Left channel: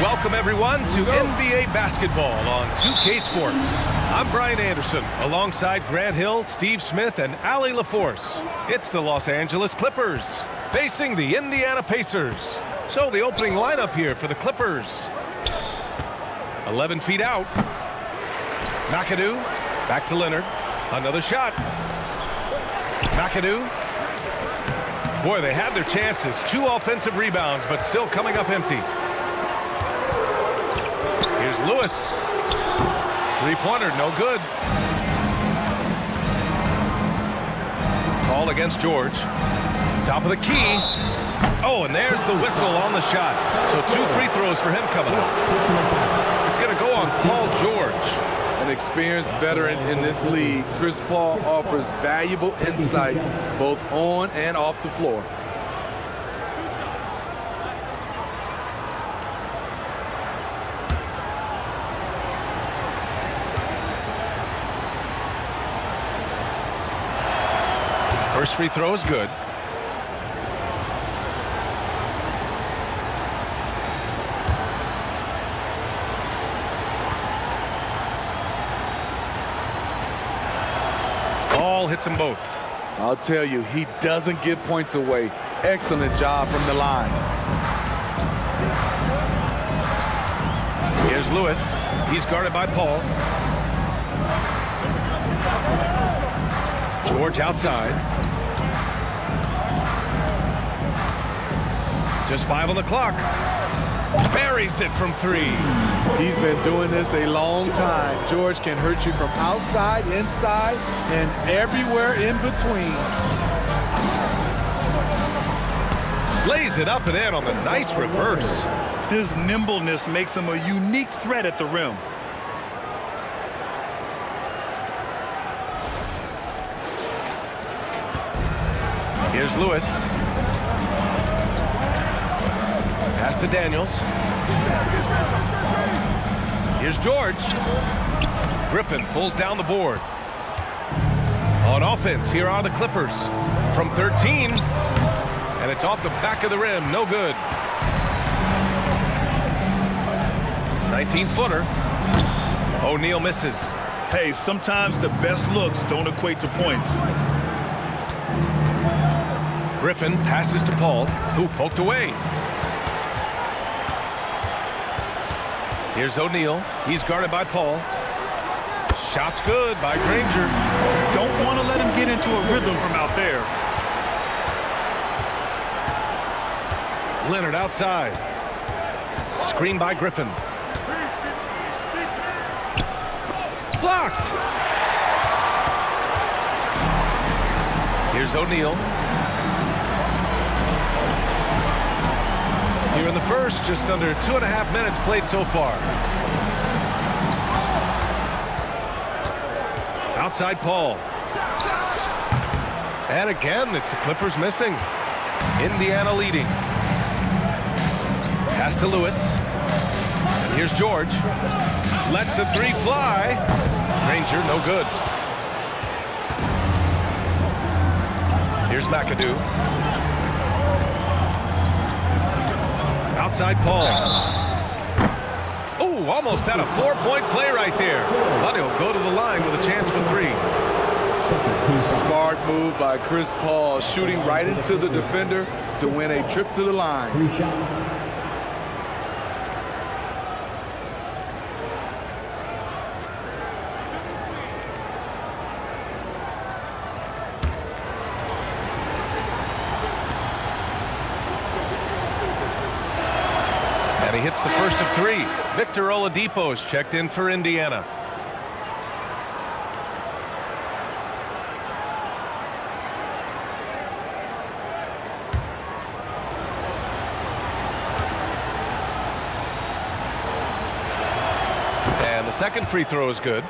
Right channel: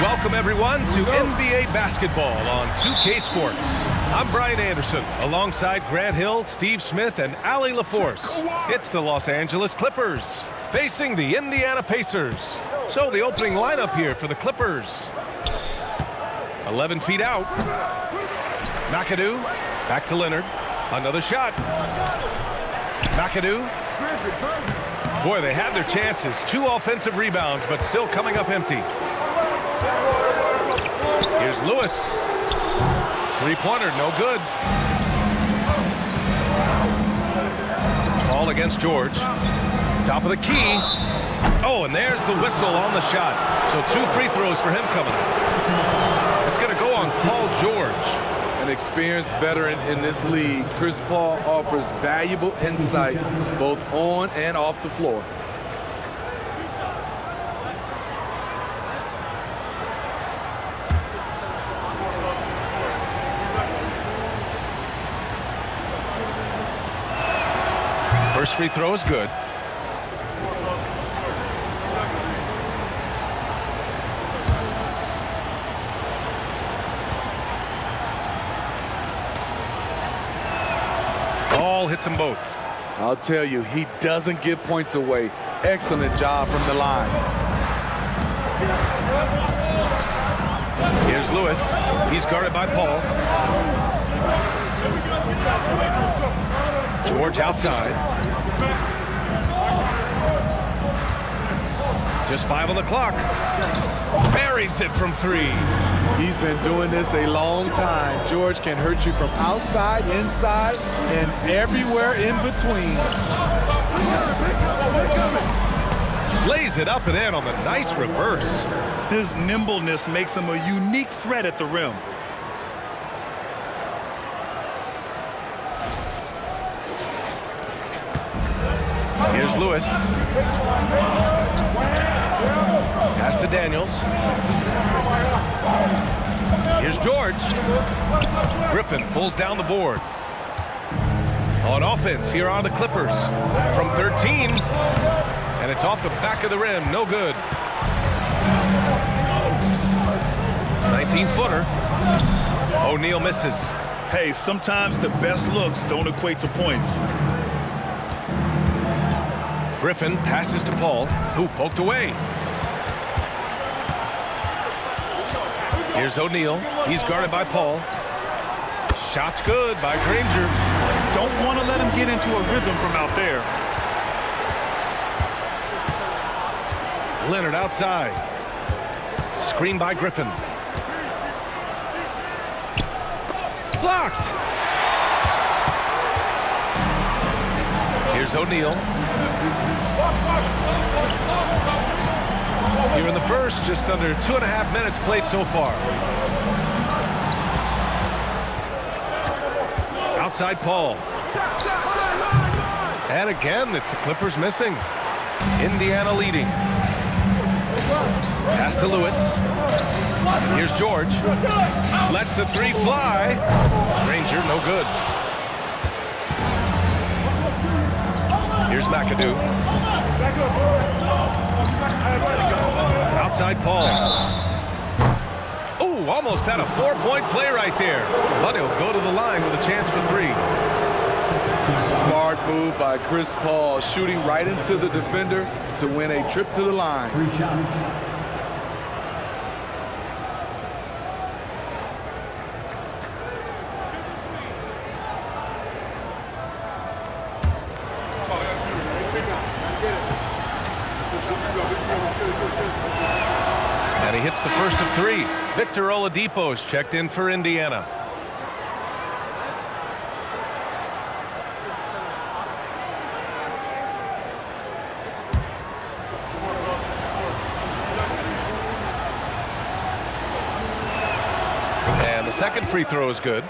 Welcome, everyone, to NBA basketball on 2K Sports. I'm Brian Anderson, alongside Grant Hill, Steve Smith, and Allie LaForce. It's the Los Angeles Clippers facing the Indiana Pacers. So the opening lineup here for the Clippers. 11 feet out. McAdoo, back to Leonard. Another shot. McAdoo. Boy, they had their chances. 2 offensive rebounds, but still coming up empty. Here's Lewis. Three-pointer, no good. Call against George. Top of the key. Oh, and there's the whistle on the shot. So 2 free throws for him coming up. It's going to go on Paul George. An experienced veteran in this league, Chris Paul offers valuable insight both on and off the floor. First free throw is good. Ball hits them both. I'll tell you, he doesn't give points away. Excellent job from the line. Here's Lewis. He's guarded by Paul. George outside. Just 5 on the clock. Buries it from 3. He's been doing this a long time. George can hurt you from outside, inside, and everywhere in between. Lays it up and in on the nice reverse. His nimbleness makes him a unique threat at the rim. Here's Lewis. Pass to Daniels. Here's George. Griffin pulls down the board. On offense, here are the Clippers. From 13. And it's off the back of the rim. No good. 19-footer. O'Neal misses. Hey, sometimes the best looks don't equate to points. Griffin passes to Paul, who poked away. Here's O'Neal. He's guarded by Paul. Shot's good by Granger. Don't want to let him get into a rhythm from out there. Leonard outside. Screen by Griffin. Blocked. Here's O'Neal. Here in the first, just under 2.5 minutes played so far. Outside Paul. And again, it's the Clippers missing. Indiana leading. Pass to Lewis. And here's George. Lets the 3 fly. Granger, no good. Here's McAdoo. Outside Paul. Oh, almost had a 4-point play right there. But he'll go to the line with a chance for 3. Smart move by Chris Paul, shooting right into the defender to win a trip to the line. 3 shots. And he hits the first of 3. Victor Oladipo is checked in for Indiana. And the second free throw is good.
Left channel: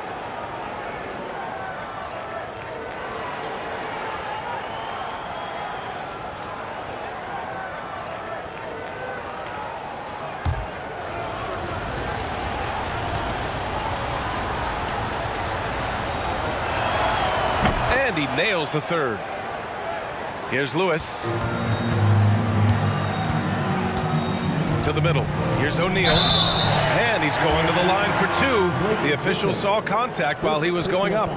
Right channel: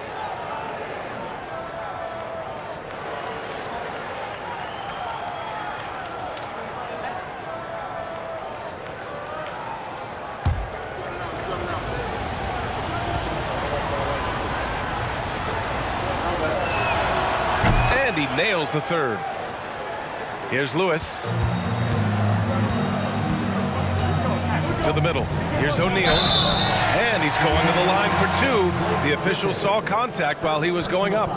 And he nails the third. Here's Lewis. To the middle. Here's O'Neal. And he's going to the line for two. The official saw contact while he was going up.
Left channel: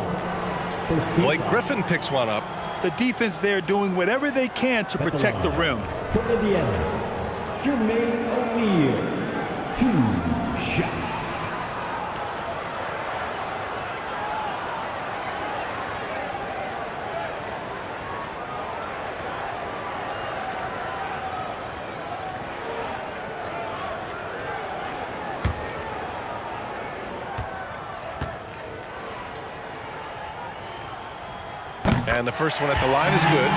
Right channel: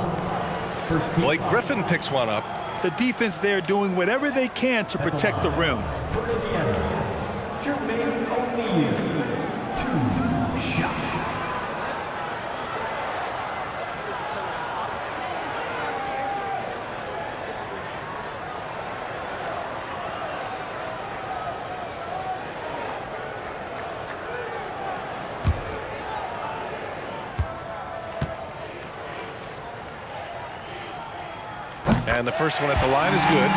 Blake Griffin picks one up. The defense there doing whatever they can to protect the rim. For Indiana, Jermaine O'Neal, 2 shots. And the first one at the line is good.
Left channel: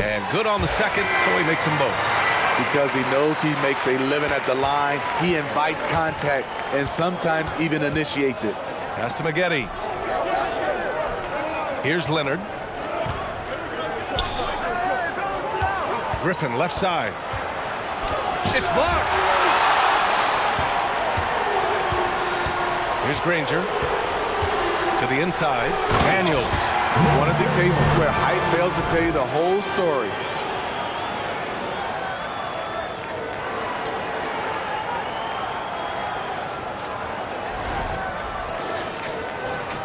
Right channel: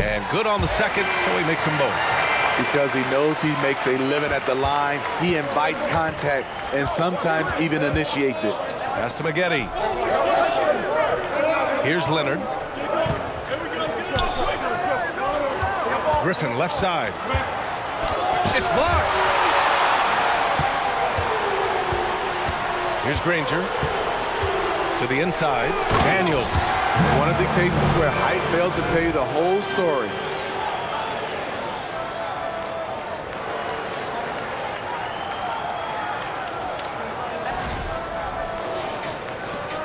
And good on the second, so he makes them both. Because he knows he makes a living at the line, he invites contact and sometimes even initiates it. Pass to Maggette. Here's Leonard. Griffin left side. It's blocked. Here's Granger. To the inside. Daniels. One of the cases where height fails to tell you the whole story.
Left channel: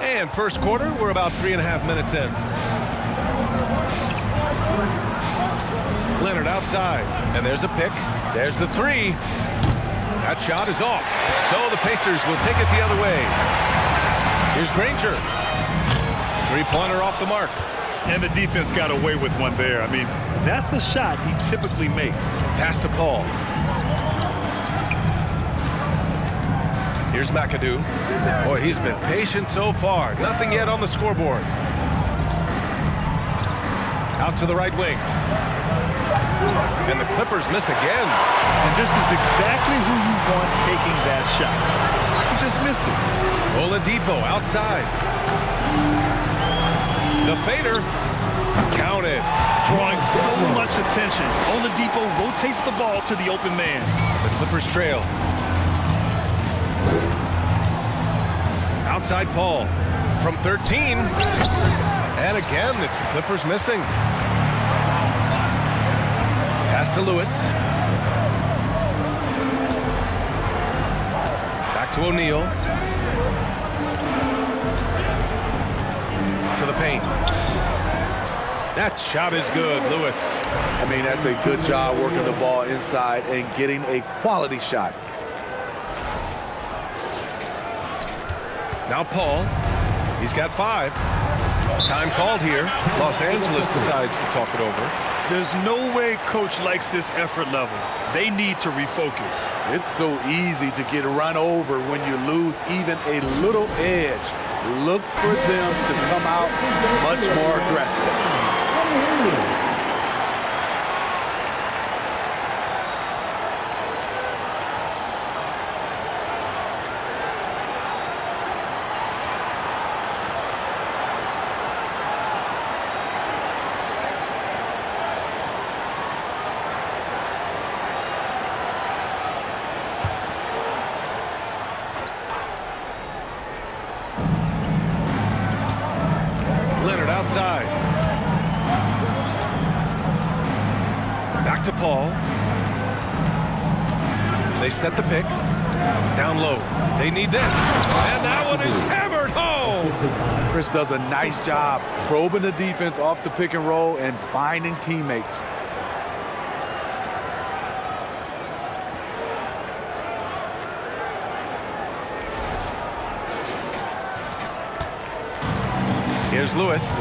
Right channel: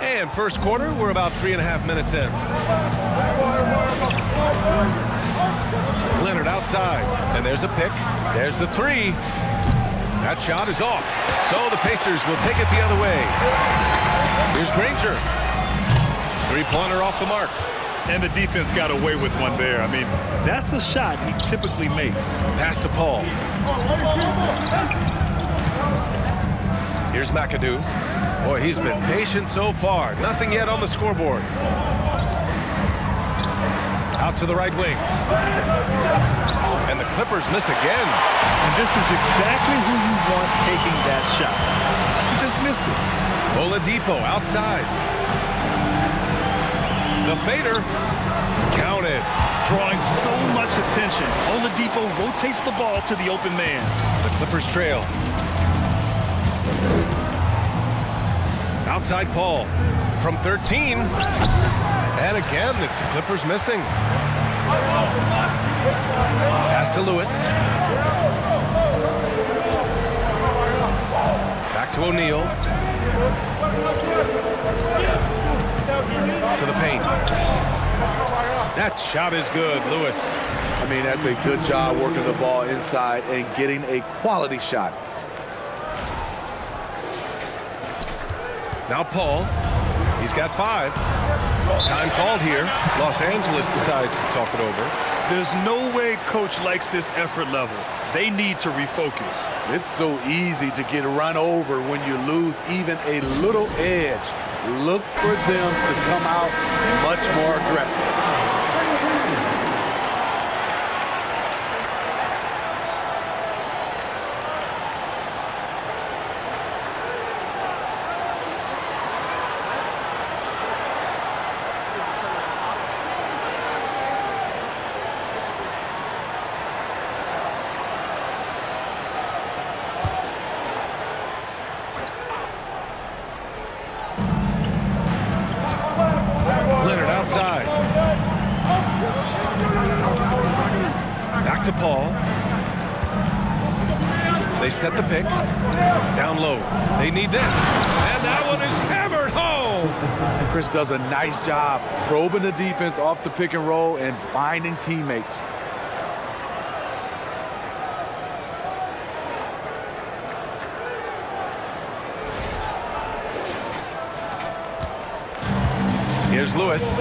And first quarter, we're about 3.5 minutes in. Leonard outside, and there's a pick. There's the three. That shot is off. So the Pacers will take it the other way. Here's Granger. Three-pointer off the mark. And the defense got away with one there. I mean, that's a shot he typically makes. Pass to Paul. Here's McAdoo. Boy, he's been patient so far. Nothing yet on the scoreboard. Out to the right wing. And the Clippers miss again. And this is exactly who you want taking that shot. He just missed it. Oladipo outside. The fader. Counted. Drawing so much attention. Oladipo rotates the ball to the open man. The Clippers trail. Outside Paul from 13. And again, it's the Clippers missing. Pass to Lewis. Back to O'Neal. To the paint. That shot is good, Lewis. I mean, that's a good job working the ball inside and getting a quality shot. Now Paul, he's got 5. Time called here. Los Angeles decides to talk it over. There's no way coach likes this effort level. They need to refocus. It's so easy to get run over when you lose even a little edge. Look for them to come out much more aggressive. Outside. Back to Paul. They set the pick. Down low. They need this. And that one is hammered home. Chris does a nice job probing the defense off the pick and roll and finding teammates. Here's Lewis.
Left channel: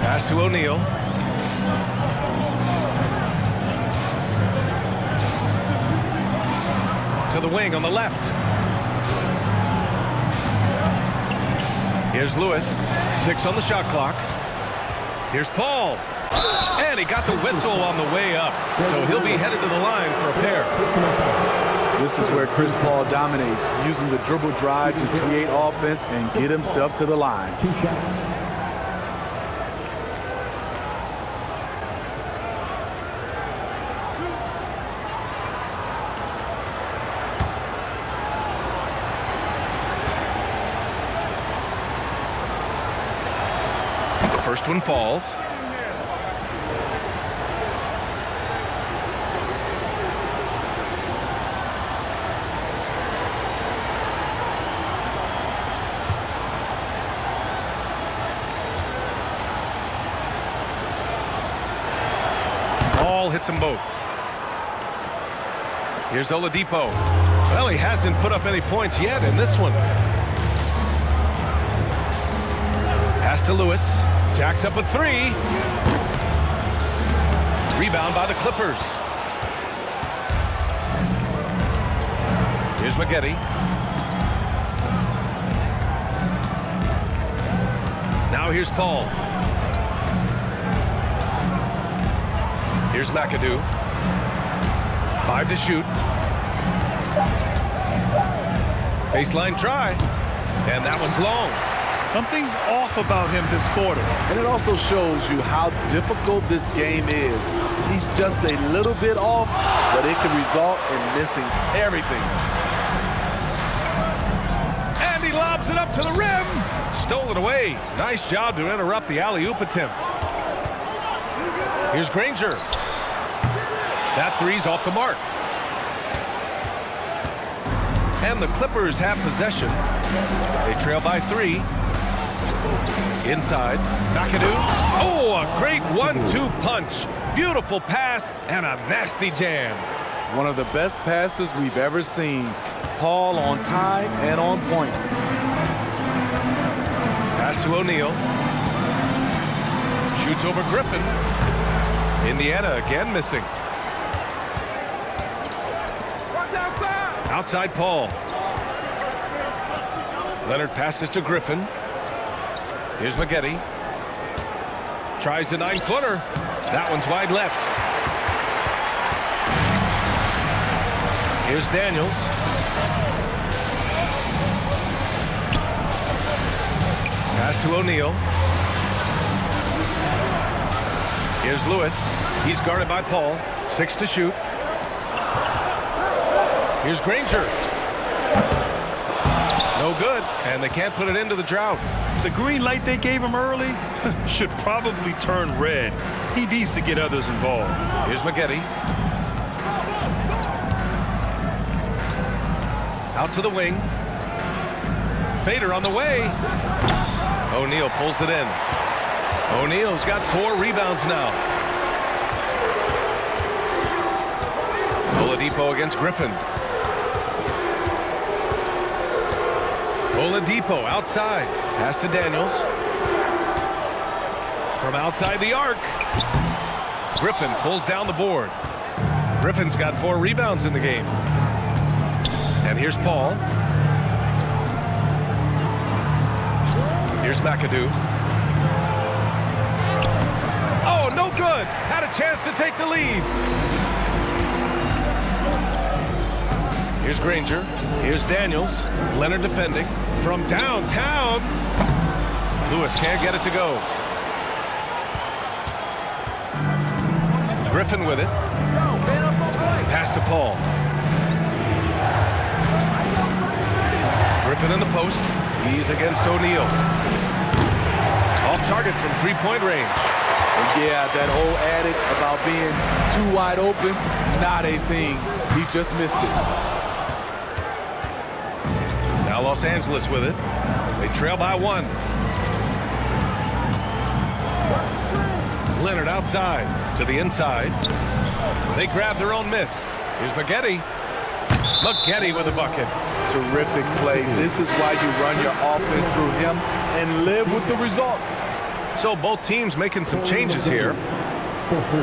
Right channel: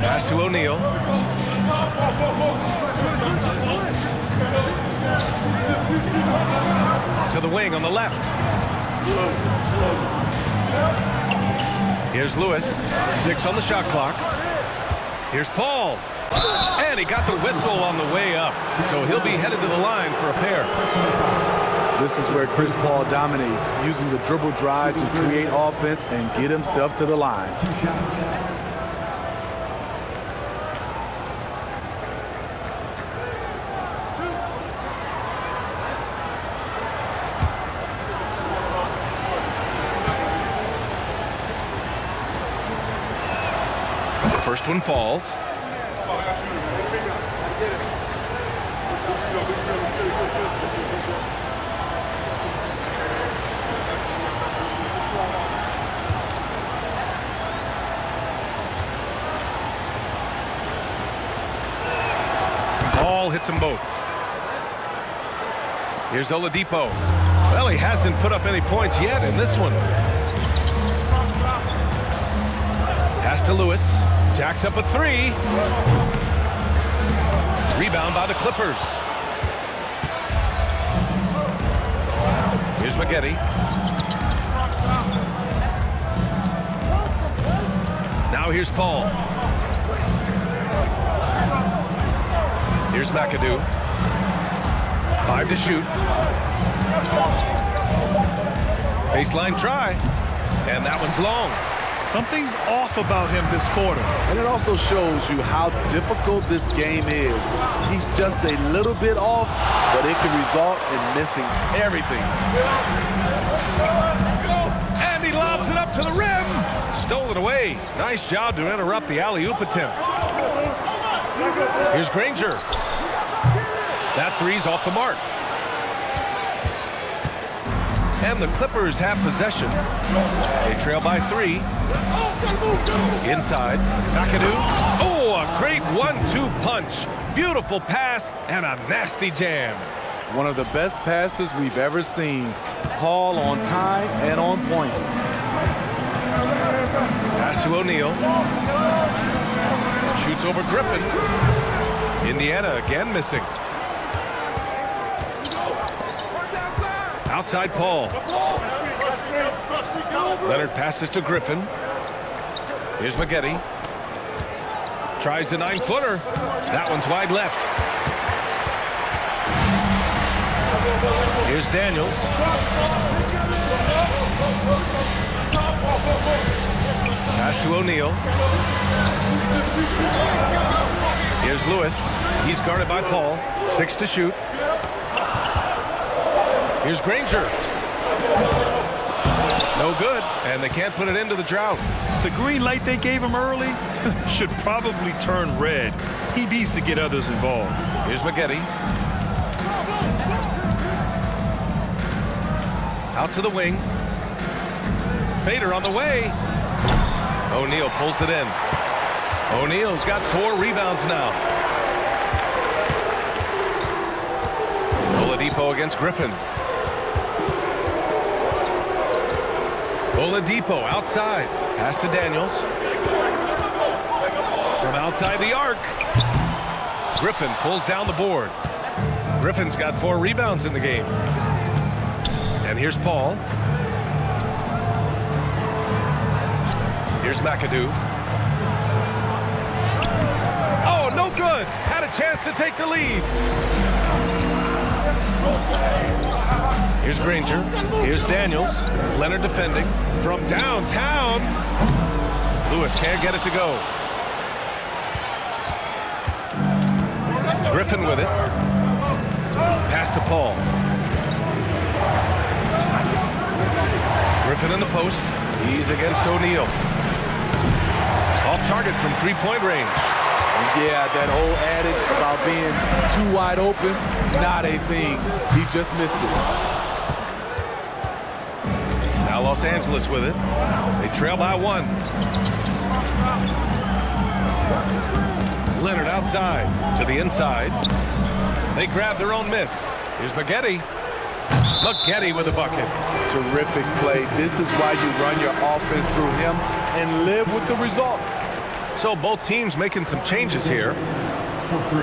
Pass to O'Neal. To the wing on the left. Here's Lewis. 6 on the shot clock. Here's Paul. And he got the whistle on the way up. So he'll be headed to the line for a pair. This is where Chris Paul dominates, using the dribble drive to create offense and get himself to the line. 2 shots. The first one falls. Ball hits them both. Here's Oladipo. Well, he hasn't put up any points yet in this one. Pass to Lewis. Jacks up a three. Rebound by the Clippers. Here's Maggette. Now here's Paul. Here's McAdoo. 5 to shoot. Baseline try. And that one's long. Something's off about him this quarter. And it also shows you how difficult this game is. He's just a little bit off, but it can result in missing everything. And he lobs it up to the rim. Stole it away. Nice job to interrupt the alley-oop attempt. Here's Granger. That three's off the mark. And the Clippers have possession. They trail by 3. Inside. McAdoo. Oh, a great 1-2 punch. Beautiful pass and a nasty jam. One of the best passes we've ever seen. Paul on time and on point. Pass to O'Neal. Shoots over Griffin. Indiana again missing. Outside Paul. Leonard passes to Griffin. Here's Maggette. Tries the 9-footer. That one's wide left. Here's Daniels. Pass to O'Neal. Here's Lewis. He's guarded by Paul. 6 to shoot. Here's Granger. No good, and they can't put it into the drought. The green light they gave him early should probably turn red. He needs to get others involved. Here's Maggette. Out to the wing. Fader on the way. O'Neal pulls it in. O'Neal's got 4 rebounds now. Oladipo against Griffin. Oladipo outside. Pass to Daniels. From outside the arc. Griffin pulls down the board. Griffin's got 4 rebounds in the game. And here's Paul. Here's McAdoo. Oh, no good. Had a chance to take the lead. Here's Granger. Here's Daniels. Leonard defending. From downtown. Lewis can't get it to go. Griffin with it. Pass to Paul. Griffin in the post. He's against O'Neal. Off target from 3-point range. And yeah, that old adage about being too wide open, not a thing. He just missed it. Now Los Angeles with it. They trail by 1. Leonard outside to the inside. They grab their own miss. Here's Maggette. Maggette with a bucket. Terrific play. This is why you run your offense through him and live with the results. So both teams making some changes here. For 3.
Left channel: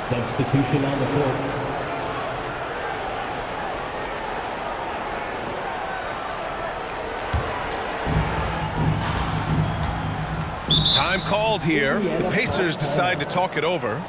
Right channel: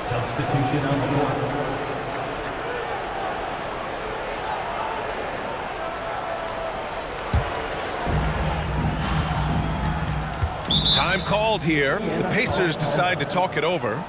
Substitution on the court. Time called here. The Pacers decide to talk it over.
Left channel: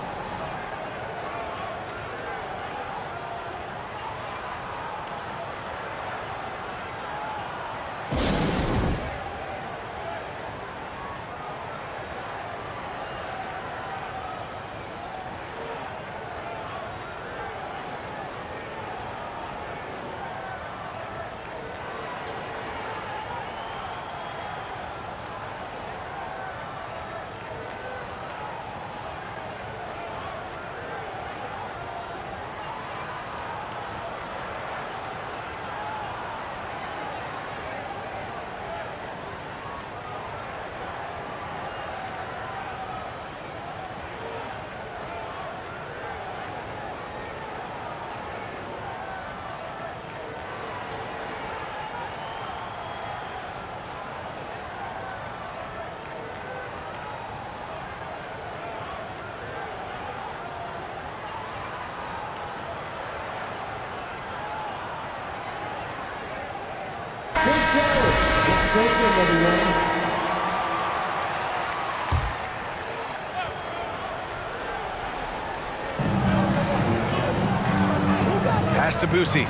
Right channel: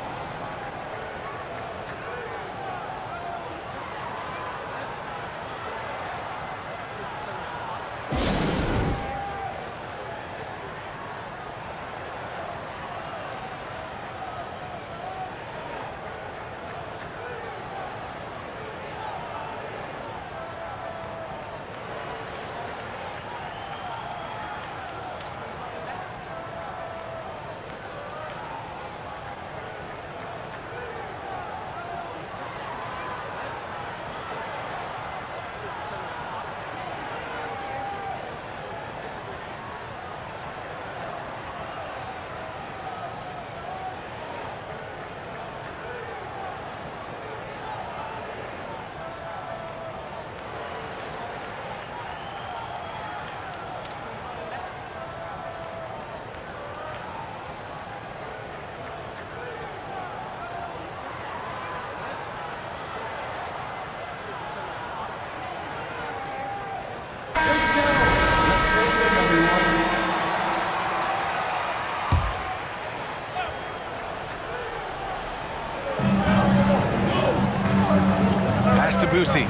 to Boosie.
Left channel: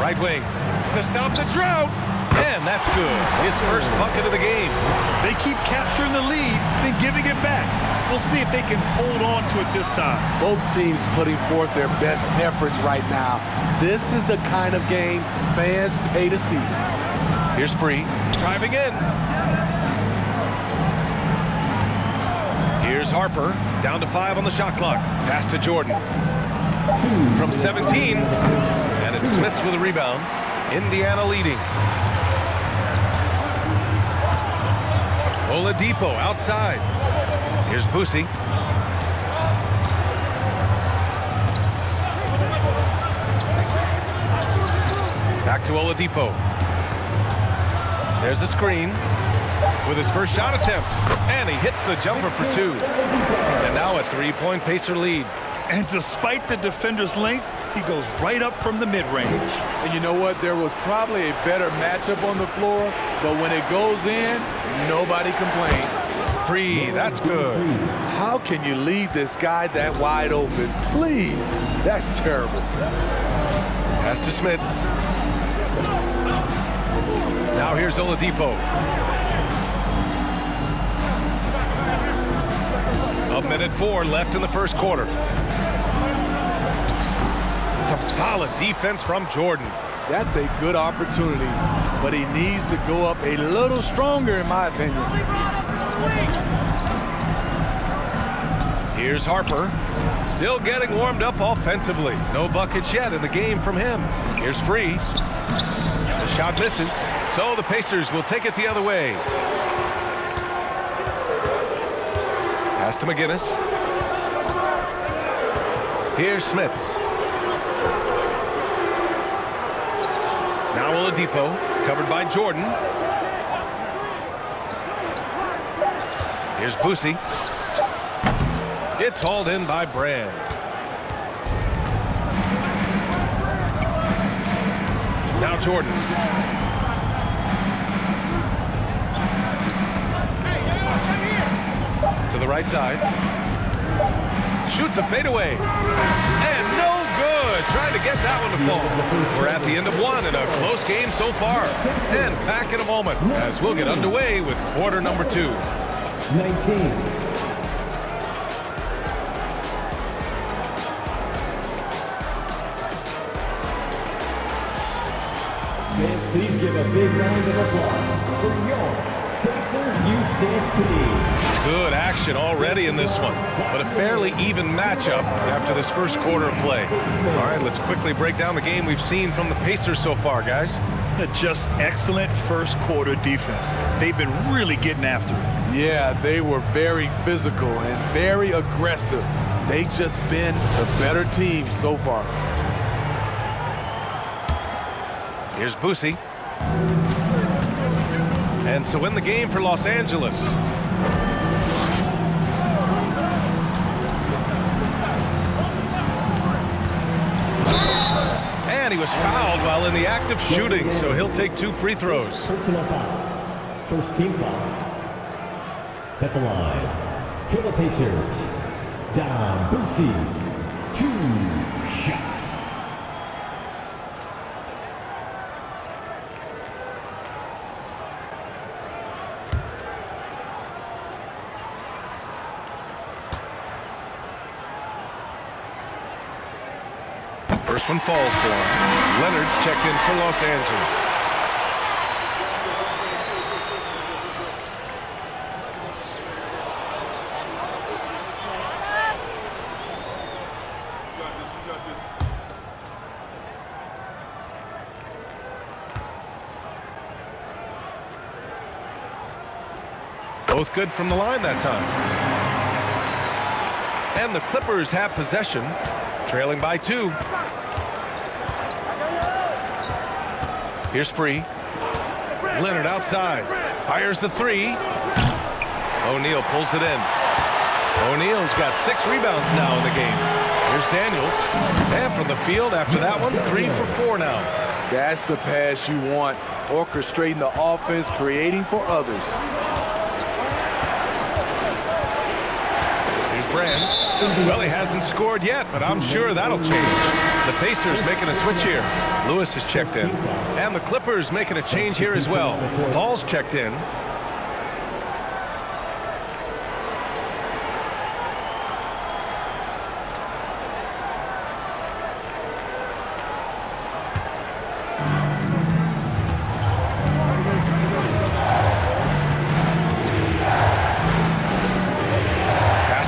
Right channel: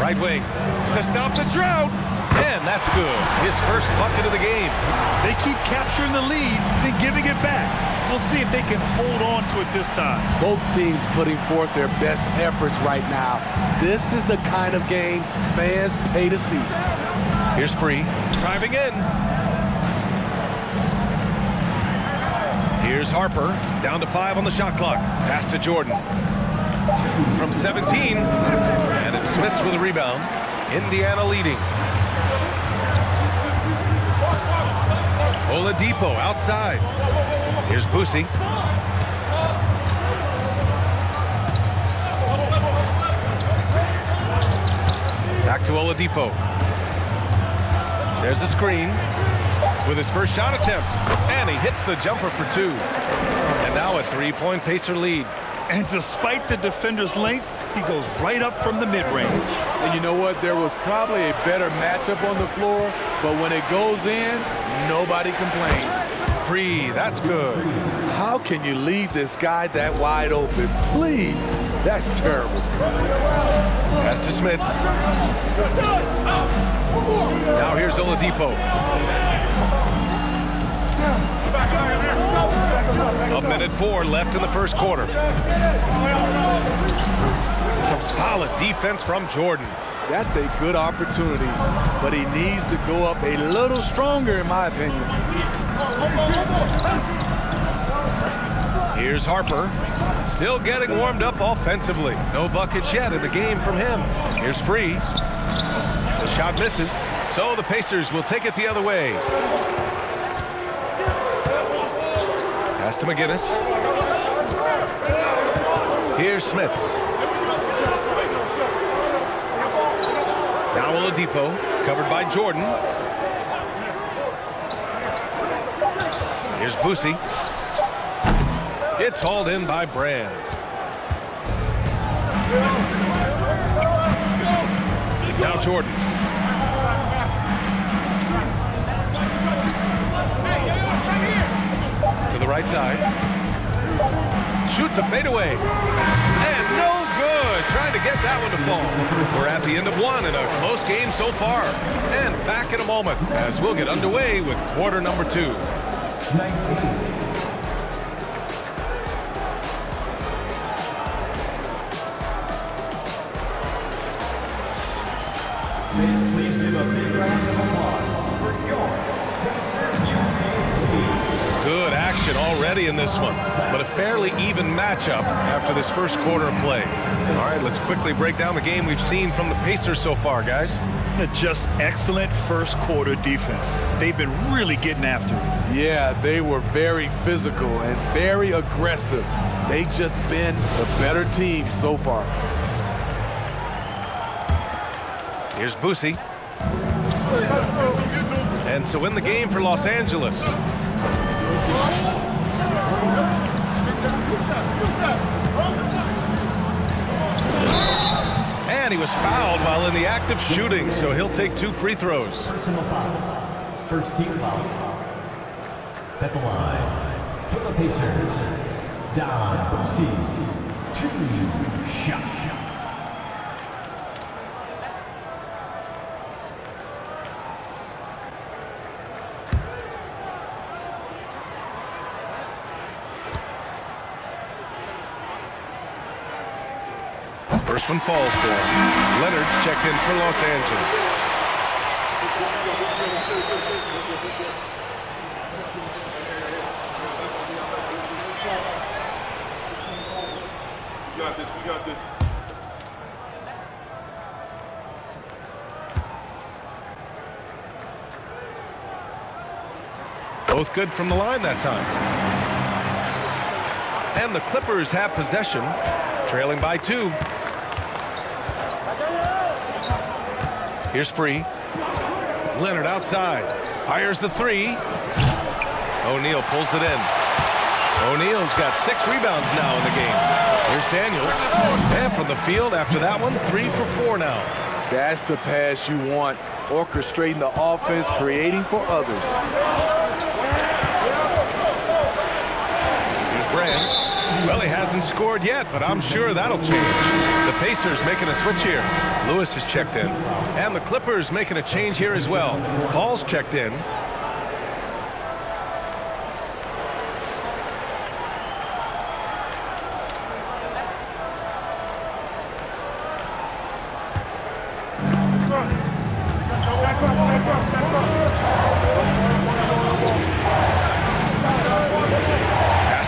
Right wing to stop the drought. And that's good. His first bucket of the game. They keep capturing the lead, then giving it back. We'll see if they can hold on to it this time. Both teams putting forth their best efforts right now. This is the kind of game fans pay to see. Here's Free, driving in. Here's Harper, down to 5 on the shot clock. Pass to Jordan. From 17, and it's Smits with a rebound. Indiana leading. Oladipo outside. Here's Boosie. Back to Oladipo. There's a screen with his first shot attempt. And he hits the jumper for 2. And now a 3-point Pacer lead. And despite the defender's length, he goes right up from the mid-range. And you know what? There was probably a better matchup on the floor, but when it goes in, nobody complains. Free, that's good. How can you leave this guy that wide open? Please, that's terrible. Pass to Smits. Now here's Oladipo. A minute 4 left in the first quarter. Some solid defense from Jordan. That's a good opportunity, but he needs to go up a little stronger, in my opinion. Here's Harper, still getting warmed up offensively. No buckets yet in the game from him. Here's Free. The shot misses, so the Pacers will take it the other way. Pass to McGinnis. Here's Smits. Now Oladipo, covered by Jordan. Here's Boosie. It's hauled in by Brand. Now Jordan. To the right side. Shoots a fadeaway. And no good. Trying to get that one to fall. We're at the end of 1 in a close game so far. And back in a moment as we'll get underway with quarter number 2. 19. Please give a big round of applause for your Pacers Youth Dance Team. Good action already in this one, but a fairly even matchup after this first quarter of play. All right, let's quickly break down the game we've seen from the Pacers so far, guys. Just excellent first quarter defense. They've been really getting after it. Yeah, they were very physical and very aggressive. They've just been the better team so far. Here's Boosie. And so in the game for Los Angeles. And he was fouled while in the act of shooting, so he'll take 2 free throws. Personal foul. First team foul. At the line for the Pacers, Don Boosie. 2 shots. First one falls for him. Leonard's checked in for Los Angeles. We got this. Both good from the line that time. And the Clippers have possession, trailing by 2. Here's Free. Leonard outside. Fires the 3. O'Neal pulls it in. O'Neal's got 6 rebounds now in the game. Here's Daniels. And from the field after that one, 3 for 4 now. That's the pass you want. Orchestrating the offense, creating for others. Brand. Well, he hasn't scored yet, but I'm sure that'll change. The Pacers making a switch here. Lewis is checked in. And the Clippers making a change here as well. Paul's checked in.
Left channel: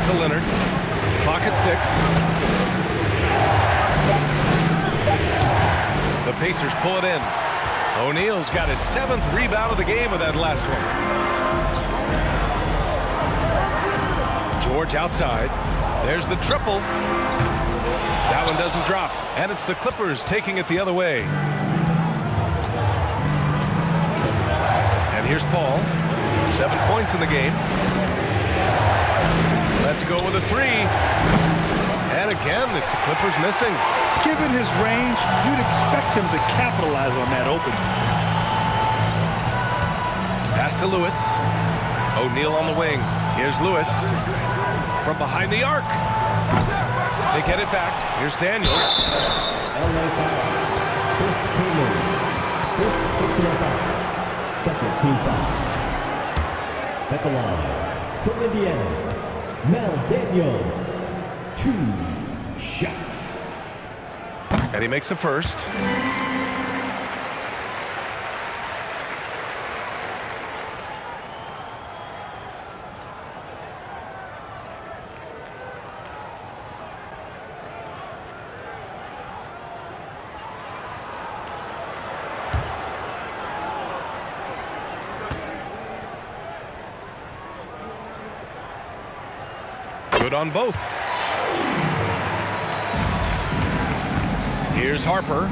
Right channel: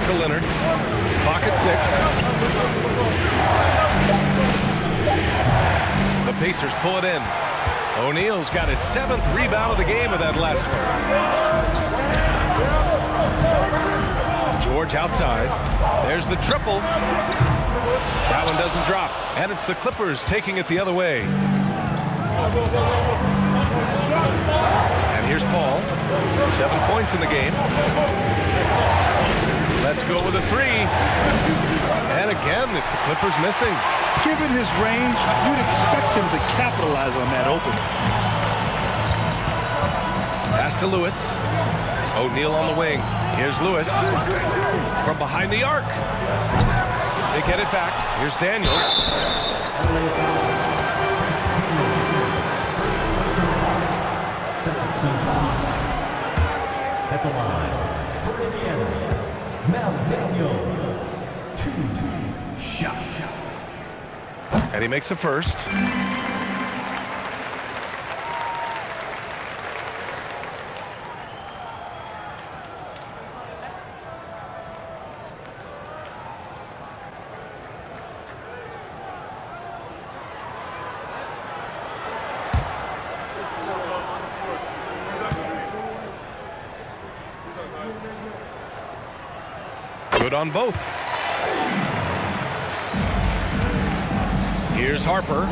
To Leonard. Clock at 6. The Pacers pull it in. O'Neal's got his 7th rebound of the game with that last one. George outside. There's the triple. That one doesn't drop. And it's the Clippers taking it the other way. And here's Paul. 7 points in the game. Let's go with a 3. And again, it's the Clippers missing. Given his range, you'd expect him to capitalize on that open. Pass to Lewis. O'Neal on the wing. Here's Lewis. From behind the arc. They get it back. Here's Daniels. Chris Taylor. First personal foul. Second team foul. At the line for Indiana, Mel Daniels. 2 shots. And he makes a first. Good on both. Here's Harper,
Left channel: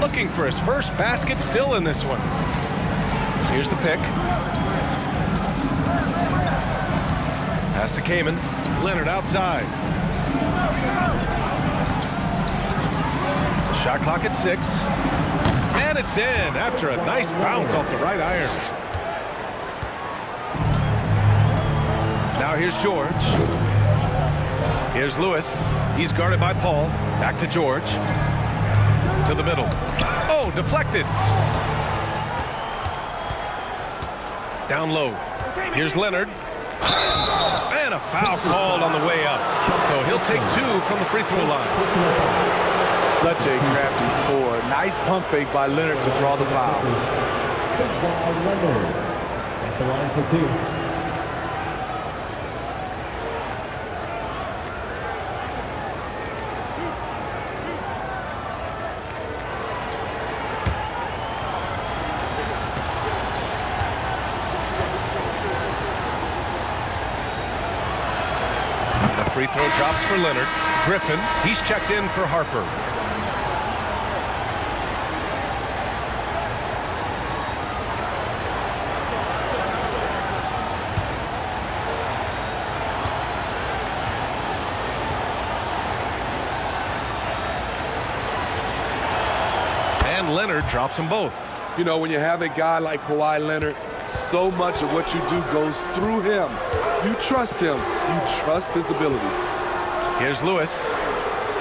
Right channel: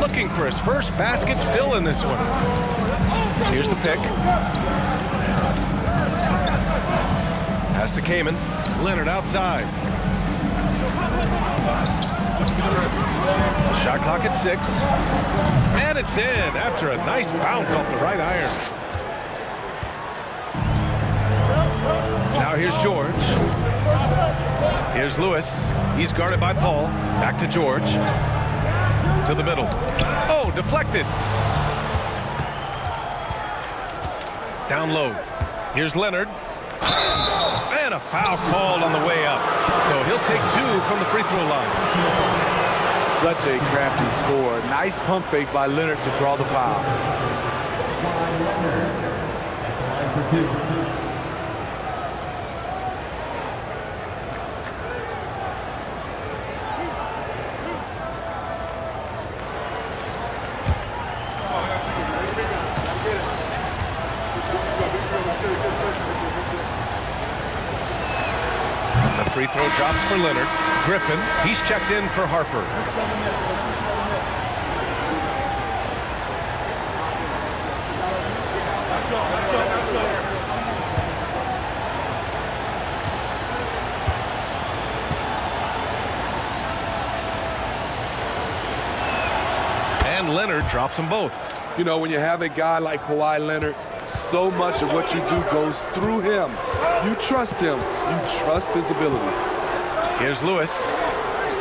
looking for his first basket, still in this one. Here's the pick. Pass to Kaman. Leonard outside. Shot clock at 6. And it's in after a nice bounce off the right iron. Now here's George. Here's Lewis. He's guarded by Paul. Back to George. To the middle. Oh, deflected. Down low. Here's Leonard. And a foul called on the way up. So he'll take 2 from the free throw line. Such a crafty score. Nice pump fake by Leonard to draw the foul. Kawhi Leonard at the line for 2. Free throw drops for Leonard. Griffin, he's checked in for Harper. And Leonard drops them both. You know, when you have a guy like Kawhi Leonard, so much of what you do goes through him. You trust him. You trust his abilities. Here's Lewis.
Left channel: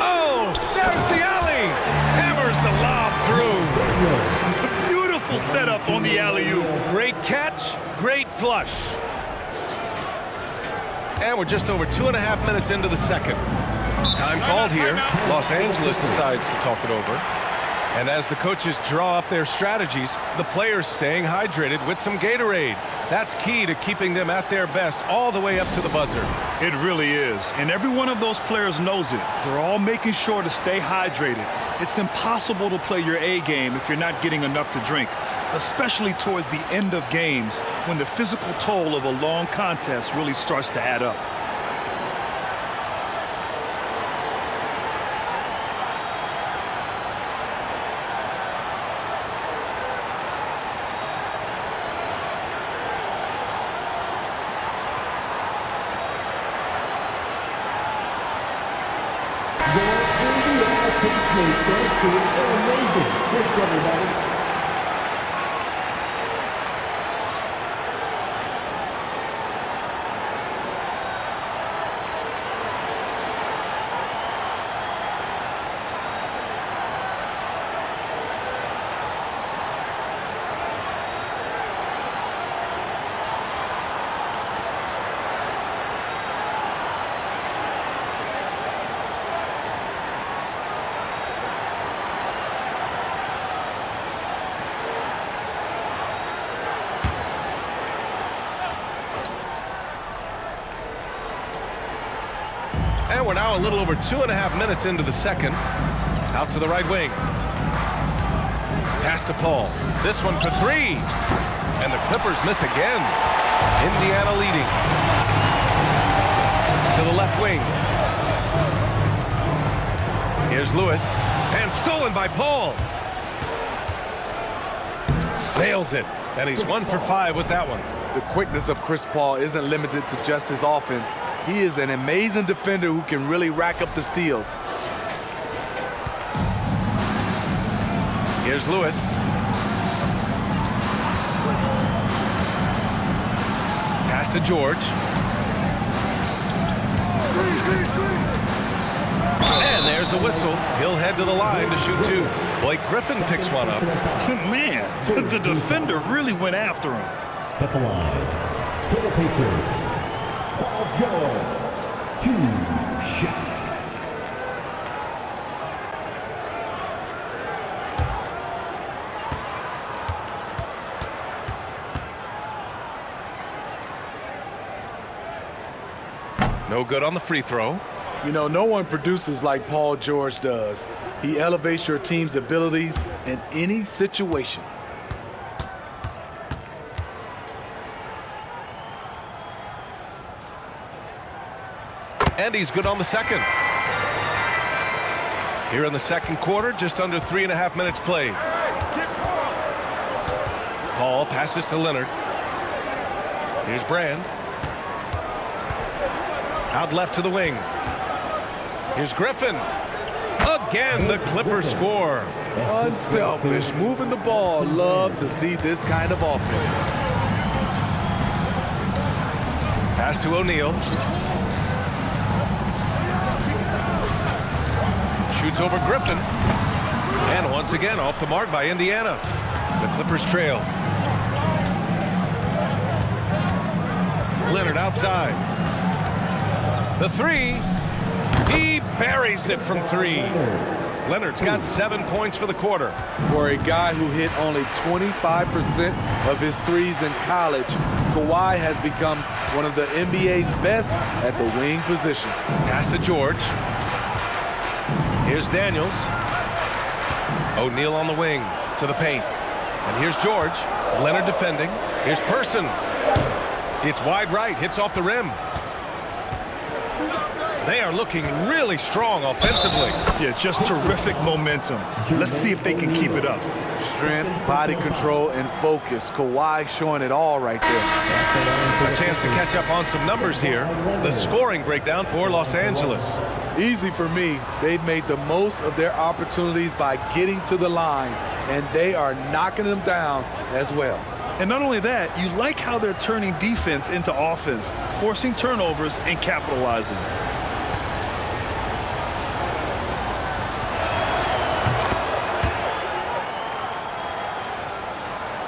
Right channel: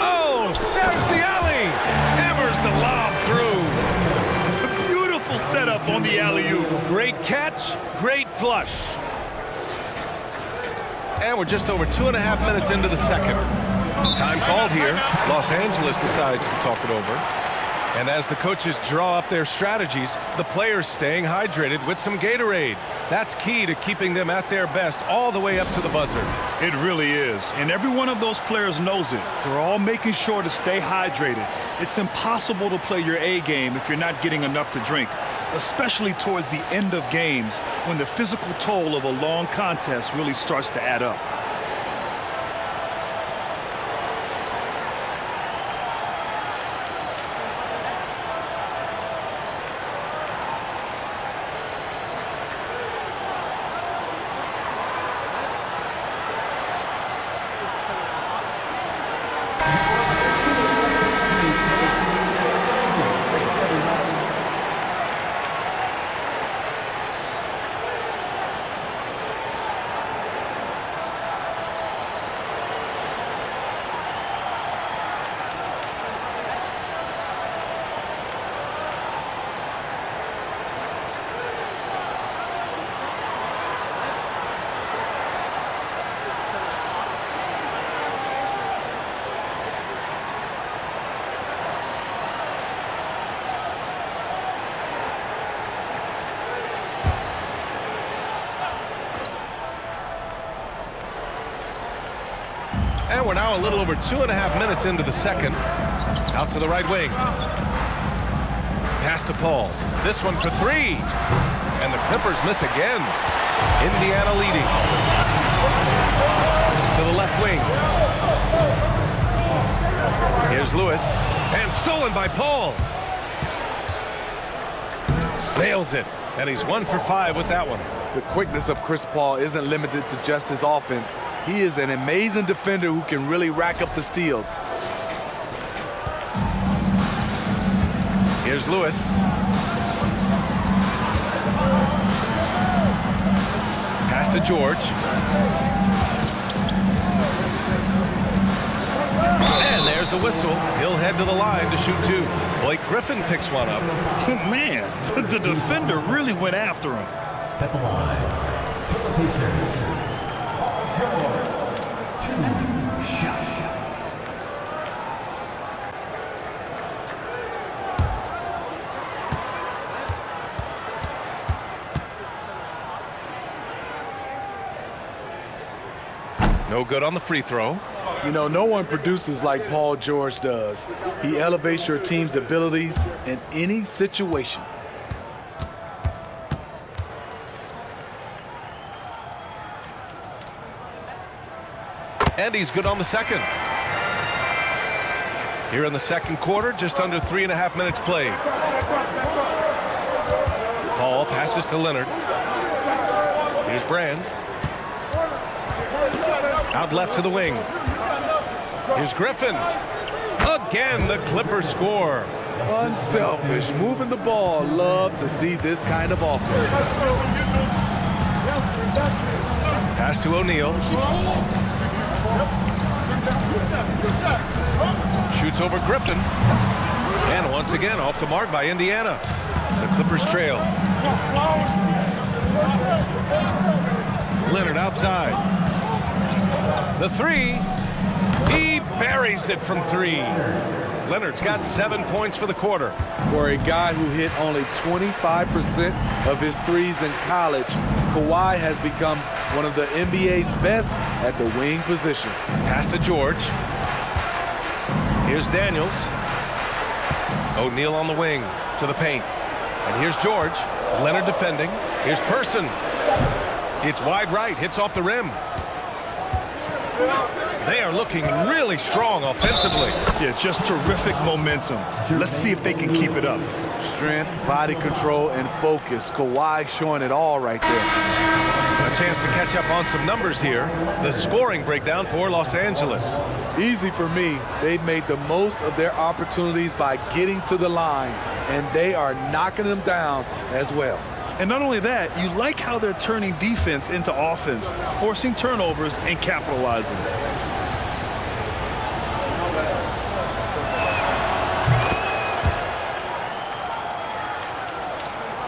Oh, there's the alley. Hammers the lob through. Beautiful setup on the alley-oop. Great catch, great flush. And we're just over 2.5 minutes into the second. Time called here. Los Angeles decides to talk it over. And as the coaches draw up their strategies, the players staying hydrated with some Gatorade. That's key to keeping them at their best all the way up to the buzzer. It really is. And every one of those players knows it. They're all making sure to stay hydrated. It's impossible to play your A game if you're not getting enough to drink, especially towards the end of games when the physical toll of a long contest really starts to add up. And we're now a little over 2.5 minutes into the second. Out to the right wing. Pass to Paul. This one for three. And the Clippers miss again. Indiana leading. To the left wing. Here's Lewis. And stolen by Paul. Nails it. And he's 1 for 5 with that one. The quickness of Chris Paul isn't limited to just his offense. He is an amazing defender who can really rack up the steals. Here's Lewis. Pass to George. And there's a whistle. He'll head to the line to shoot two. Blake Griffin picks one up. Man, the defender really went after him. At the line for the Pacers, Paul George, 2 shots. No good on the free throw. You know, no one produces like Paul George does. He elevates your team's abilities in any situation. And he's good on the second. Here in the second quarter, just under 3.5 minutes played. Paul passes to Leonard. Here's Brand. Out left to the wing. Here's Griffin. Again, the Clippers score. Unselfish, moving the ball. Love to see this kind of offense. Pass to O'Neal. Shoots over Griffin. And once again, off the mark by Indiana. The Clippers trail. Leonard outside. The three. He buries it from three. Leonard's got 7 points for the quarter. For a guy who hit only 25% of his threes in college, Kawhi has become one of the NBA's best at the wing position. Pass to George. Here's Daniels. O'Neal on the wing to the paint. And here's George. Leonard defending. Here's Person. It's wide right, hits off the rim. They are looking really strong offensively. Yeah, just terrific momentum. Let's see if they can keep it up. Strength, body control, and focus. Kawhi showing it all right there. A chance to catch up on some numbers here. The scoring breakdown for Los Angeles. Easy for me. They've made the most of their opportunities by getting to the line, and they are knocking them down as well. And not only that, you like how they're turning defense into offense, forcing turnovers and capitalizing.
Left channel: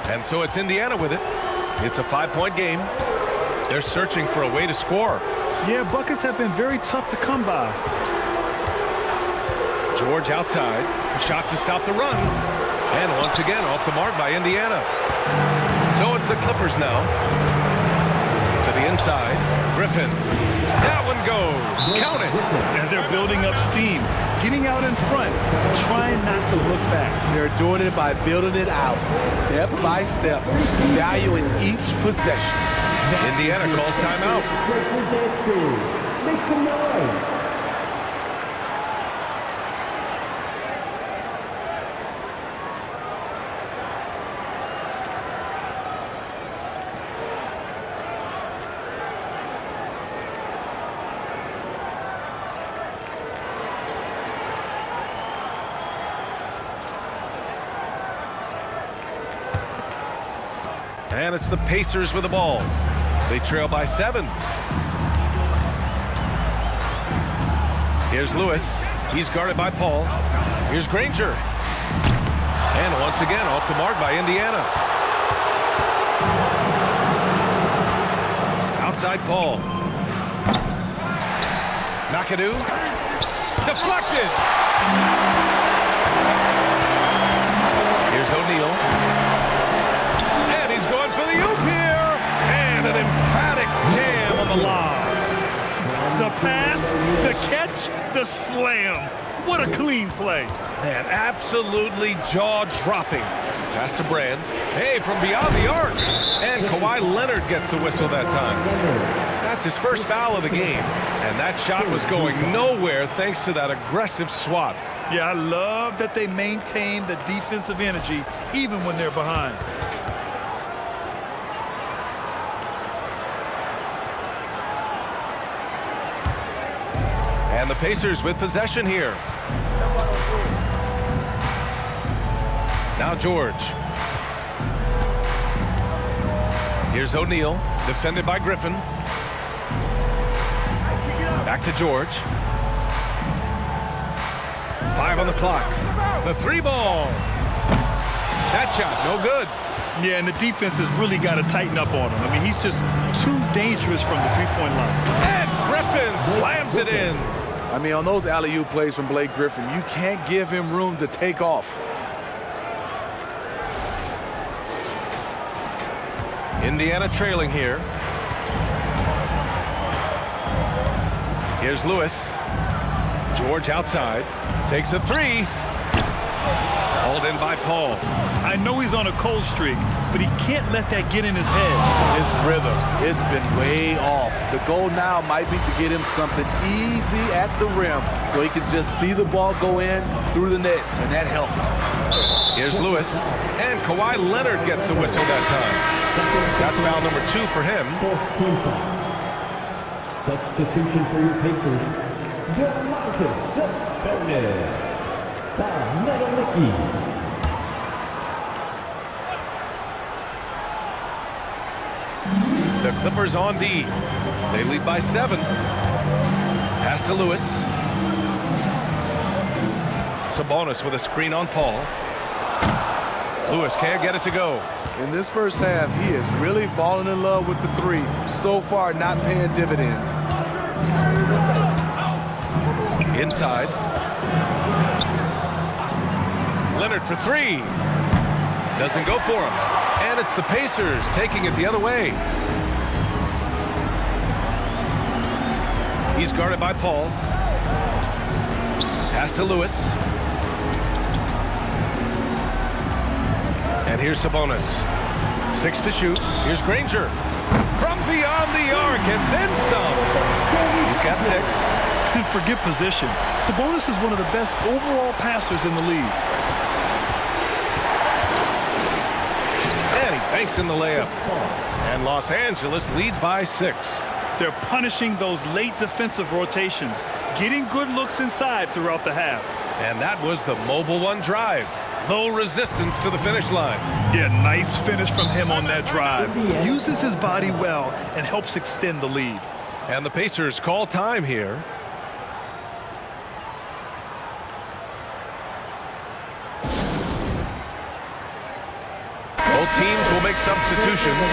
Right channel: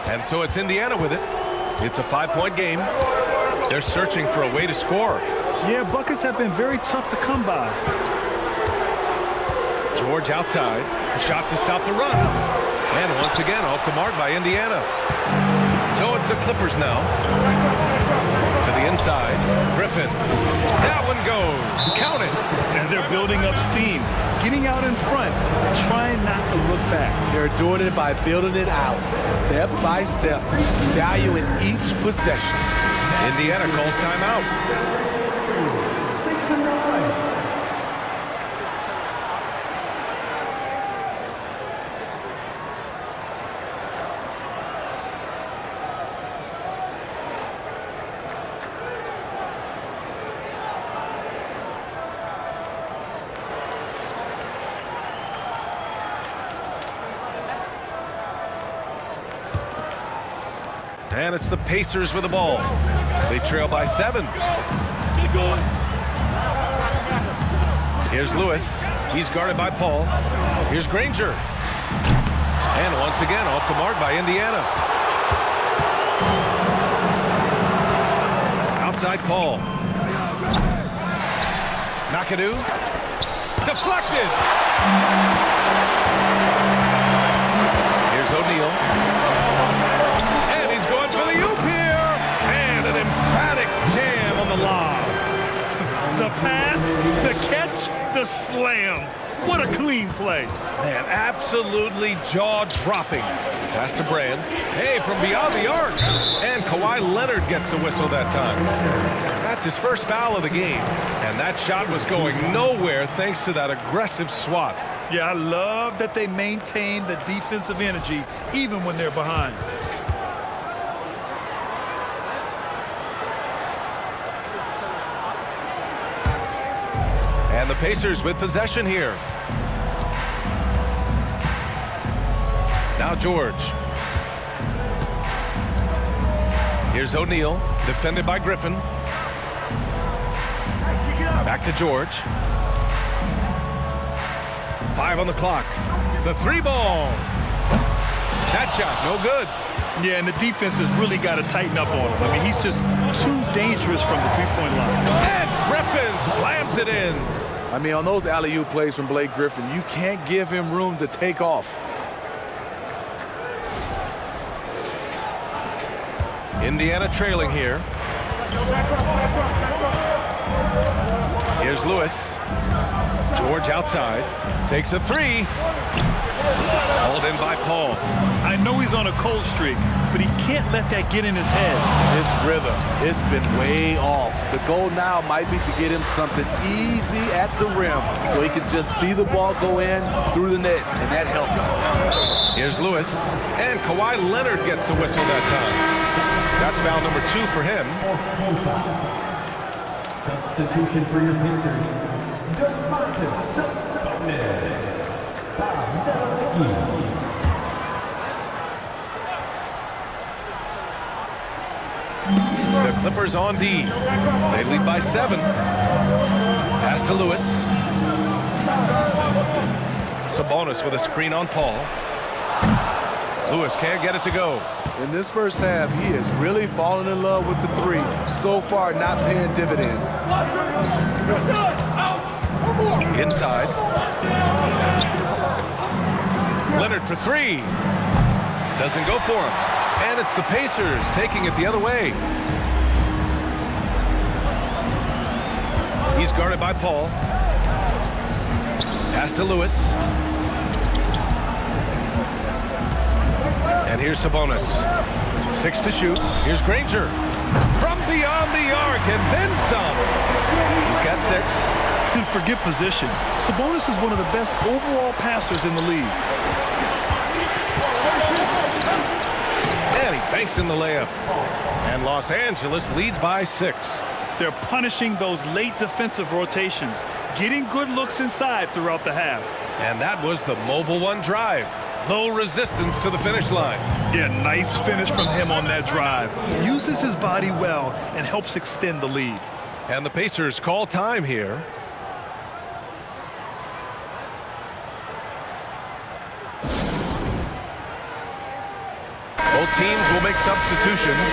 And so it's Indiana with it. It's a 5-point game. They're searching for a way to score. Yeah, buckets have been very tough to come by. George outside. A shot to stop the run. And once again, off the mark by Indiana. So it's the Clippers now. To the inside. Griffin. That one goes. Count it. And they're building up steam, getting out in front, trying not to look back. They're doing it by building it out, step by step, valuing each possession. Indiana calls timeout. Make some noise. And it's the Pacers with the ball. They trail by 7. Here's Lewis. He's guarded by Paul. Here's Granger. And once again, off the mark by Indiana. Outside Paul. McAdoo. Deflected. Here's O'Neal. Going for the oop here, and an emphatic jam on the lob. The pass, the catch, the slam. What a clean play. Man, absolutely jaw-dropping. Pass to Brand. Hey, from beyond the arc. And Kawhi Leonard gets a whistle that time. That's his first foul of the game. And that shot was going nowhere thanks to that aggressive swat. Yeah, I love that they maintain the defensive energy even when they're behind. And the Pacers with possession here. Now George. Here's O'Neal, defended by Griffin. Back to George. 5 on the clock. The 3-ball. That shot, no good. Yeah, and the defense has really got to tighten up on him. I mean, he's just too dangerous from the three-point line. And Griffin slams it in. I mean, on those alley-oop plays from Blake Griffin, you can't give him room to take off. Indiana trailing here. Here's Lewis. George outside. Takes a 3. Hauled in by Paul. I know he's on a cold streak, but he can't let that get in his head. And his rhythm, it's been way off. The goal now might be to get him something easy at the rim so he can just see the ball go in through the net, and that helps. Here's Lewis. And Kawhi Leonard gets a whistle that time. That's foul number 2 for him. 4th team foul. Substitution for your Pacers. Domantas Sabonis. Bob Nedelicki. The Clippers on D. They lead by 7. Pass to Lewis. Sabonis with a screen on Paul. Lewis can't get it to go. In this first half, he has really fallen in love with the 3. So far, not paying dividends. Inside. Leonard for 3. Doesn't go for him. And it's the Pacers taking it the other way. He's guarded by Paul. Pass to Lewis. And here's Sabonis. 6 to shoot. Here's Granger. From beyond the arc and then some. He's got 6. And forget position. Sabonis is one of the best overall passers in the league. And he banks in the layup. And Los Angeles leads by 6. They're punishing those late defensive rotations, getting good looks inside throughout the half. And that was the Mobile One drive. Low resistance to the finish line. Yeah, nice finish from him on that drive. Uses his body well and helps extend the lead. And the Pacers call time here. Both teams will make substitutions.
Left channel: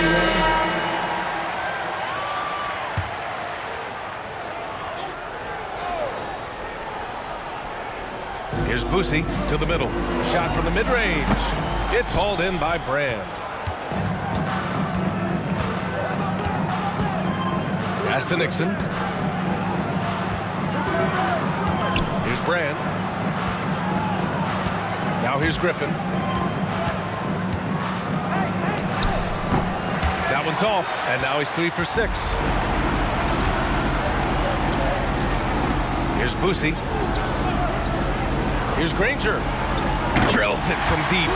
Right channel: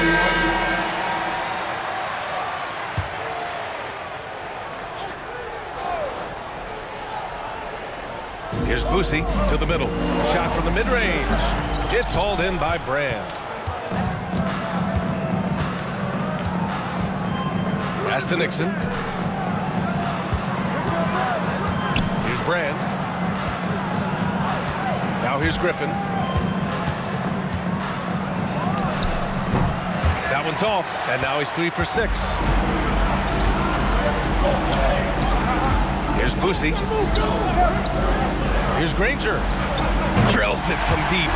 Here's Boosie to the middle. A shot from the mid-range. It's hauled in by Brand. Pass to Nixon. Here's Brand. Now here's Griffin. That one's off, and now he's 3 for 6. Here's Boosie. Here's Granger. Drills it from deep.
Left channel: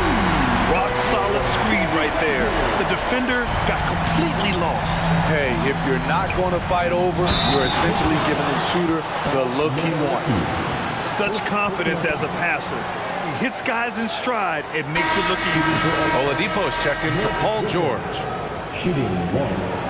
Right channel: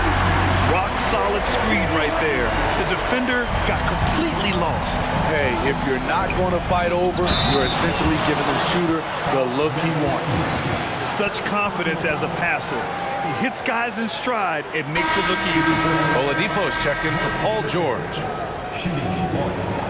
Rock solid screen right there. The defender got completely lost. Hey, if you're not going to fight over, you're essentially giving the shooter the look he wants. Such confidence as a passer. He hits guys in stride. It makes it look easy. Oladipo's checked in for Paul George. Shooting 1.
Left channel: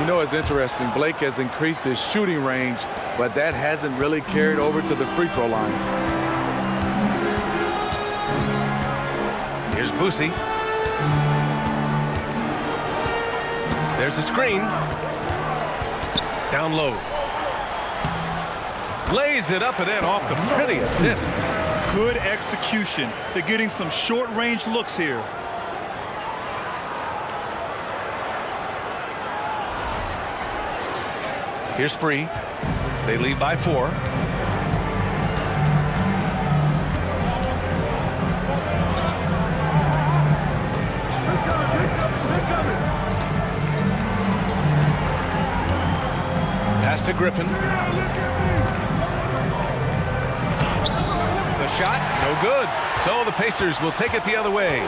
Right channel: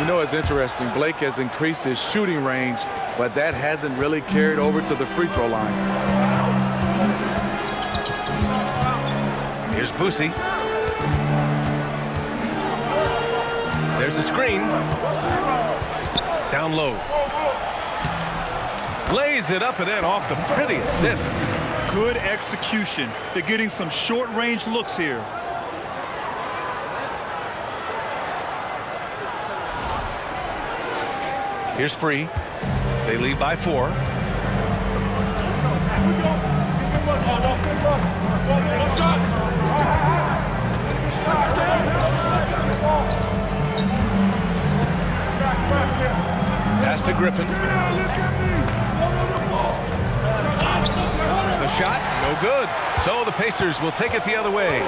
You know, it's interesting. Blake has increased his shooting range, but that hasn't really carried over to the free throw line. Here's Boosie. There's a screen. Down low. Lays it up and in off the pretty assist. Good execution. They're getting some short-range looks here. Here's free. They lead by 4. Pass to Griffin. The shot, no good. So the Pacers will take it the other way.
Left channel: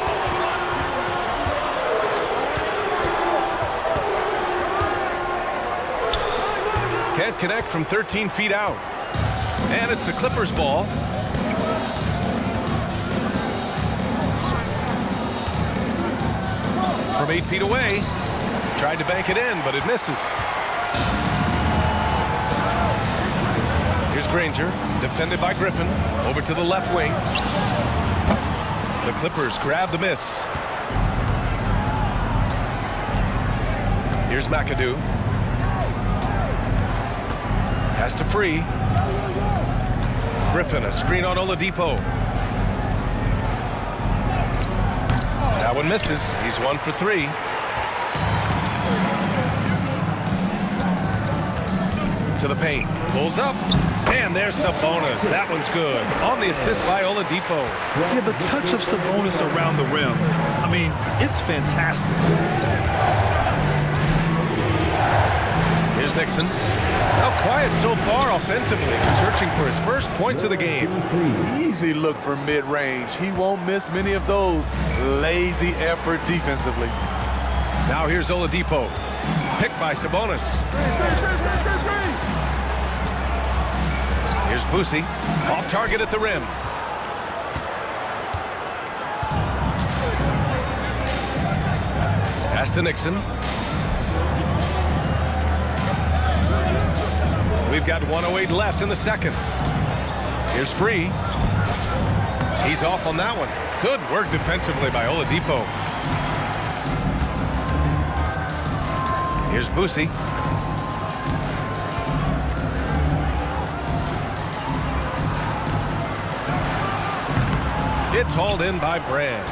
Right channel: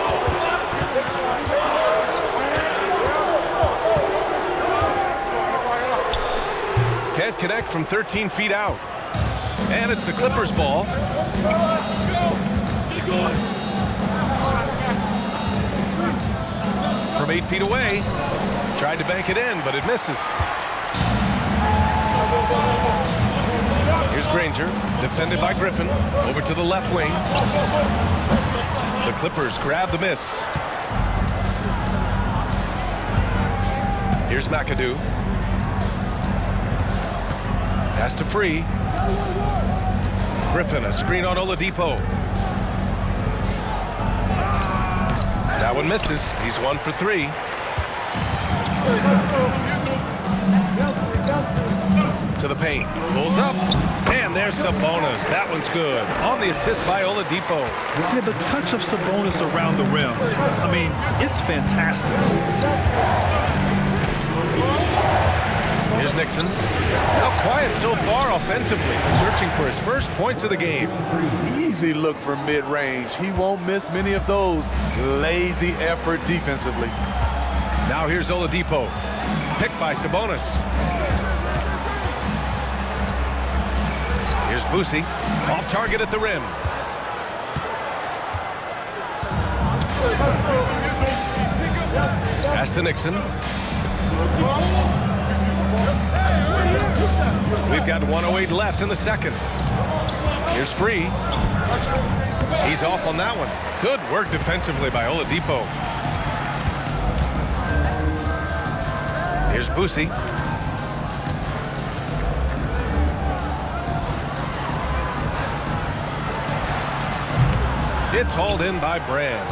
Can't connect from 13 feet out. And it's the Clippers' ball. From 8 feet away. Tried to bank it in, but it misses. Here's Granger, defended by Griffin. Over to the left wing. The Clippers grab the miss. Here's McAdoo. Pass to Free. Griffin, a screen on Oladipo. That one misses. He's 1 for 3. To the paint. Pulls up. And there's Sabonis. That one's good. On the assist by Oladipo. Yeah, the touch of Sabonis around the rim. I mean, it's fantastic. Here's Nixon. Now quiet so far offensively, searching for his first points of the game. Easy look for mid-range. He won't miss many of those. Lazy effort defensively. Now here's Oladipo. Picked by Sabonis. Here's Boosie. Off target at the rim. Pass to Nixon. We've got 1:08 left in the second. Here's Free. He's off on that one. Good work defensively by Oladipo. Here's Boosie. It's hauled in by Brand.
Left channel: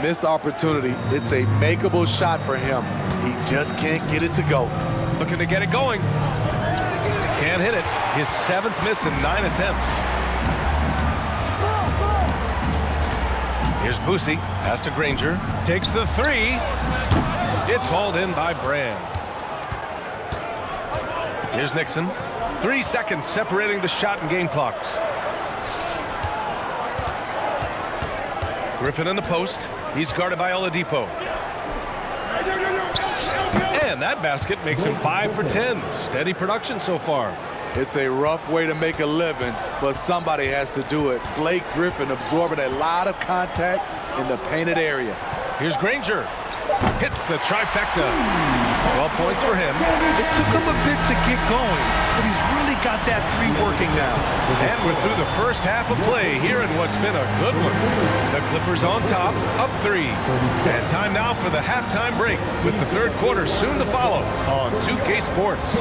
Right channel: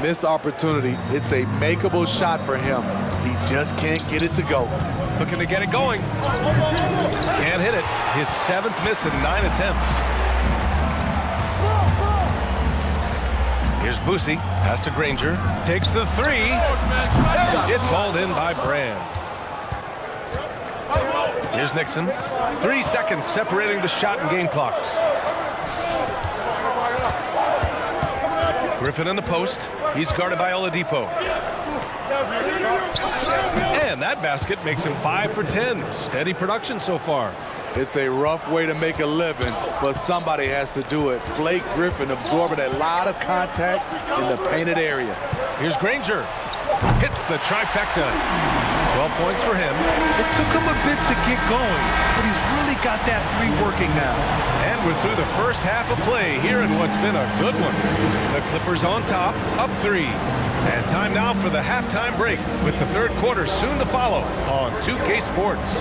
Missed opportunity. It's a makeable shot for him. He just can't get it to go. Looking to get it going. Can't hit it. His 7th miss in 9 attempts. Here's Boosie. Pass to Granger. Takes the 3. It's hauled in by Brand. Here's Nixon. 3 seconds separating the shot and game clocks. Griffin in the post. He's guarded by Oladipo. And that basket makes him 5 for 10. Steady production so far. It's a rough way to make a living, but somebody has to do it. Blake Griffin absorbing a lot of contact in the painted area. Here's Granger. Hits the trifecta. 12 points for him. It took him a bit to get going, but he's really got that 3 working now. And we're through the first half of play here in what's been a good one. The Clippers on top, up 3. And time now for the halftime break with the third quarter soon to follow on 2K Sports.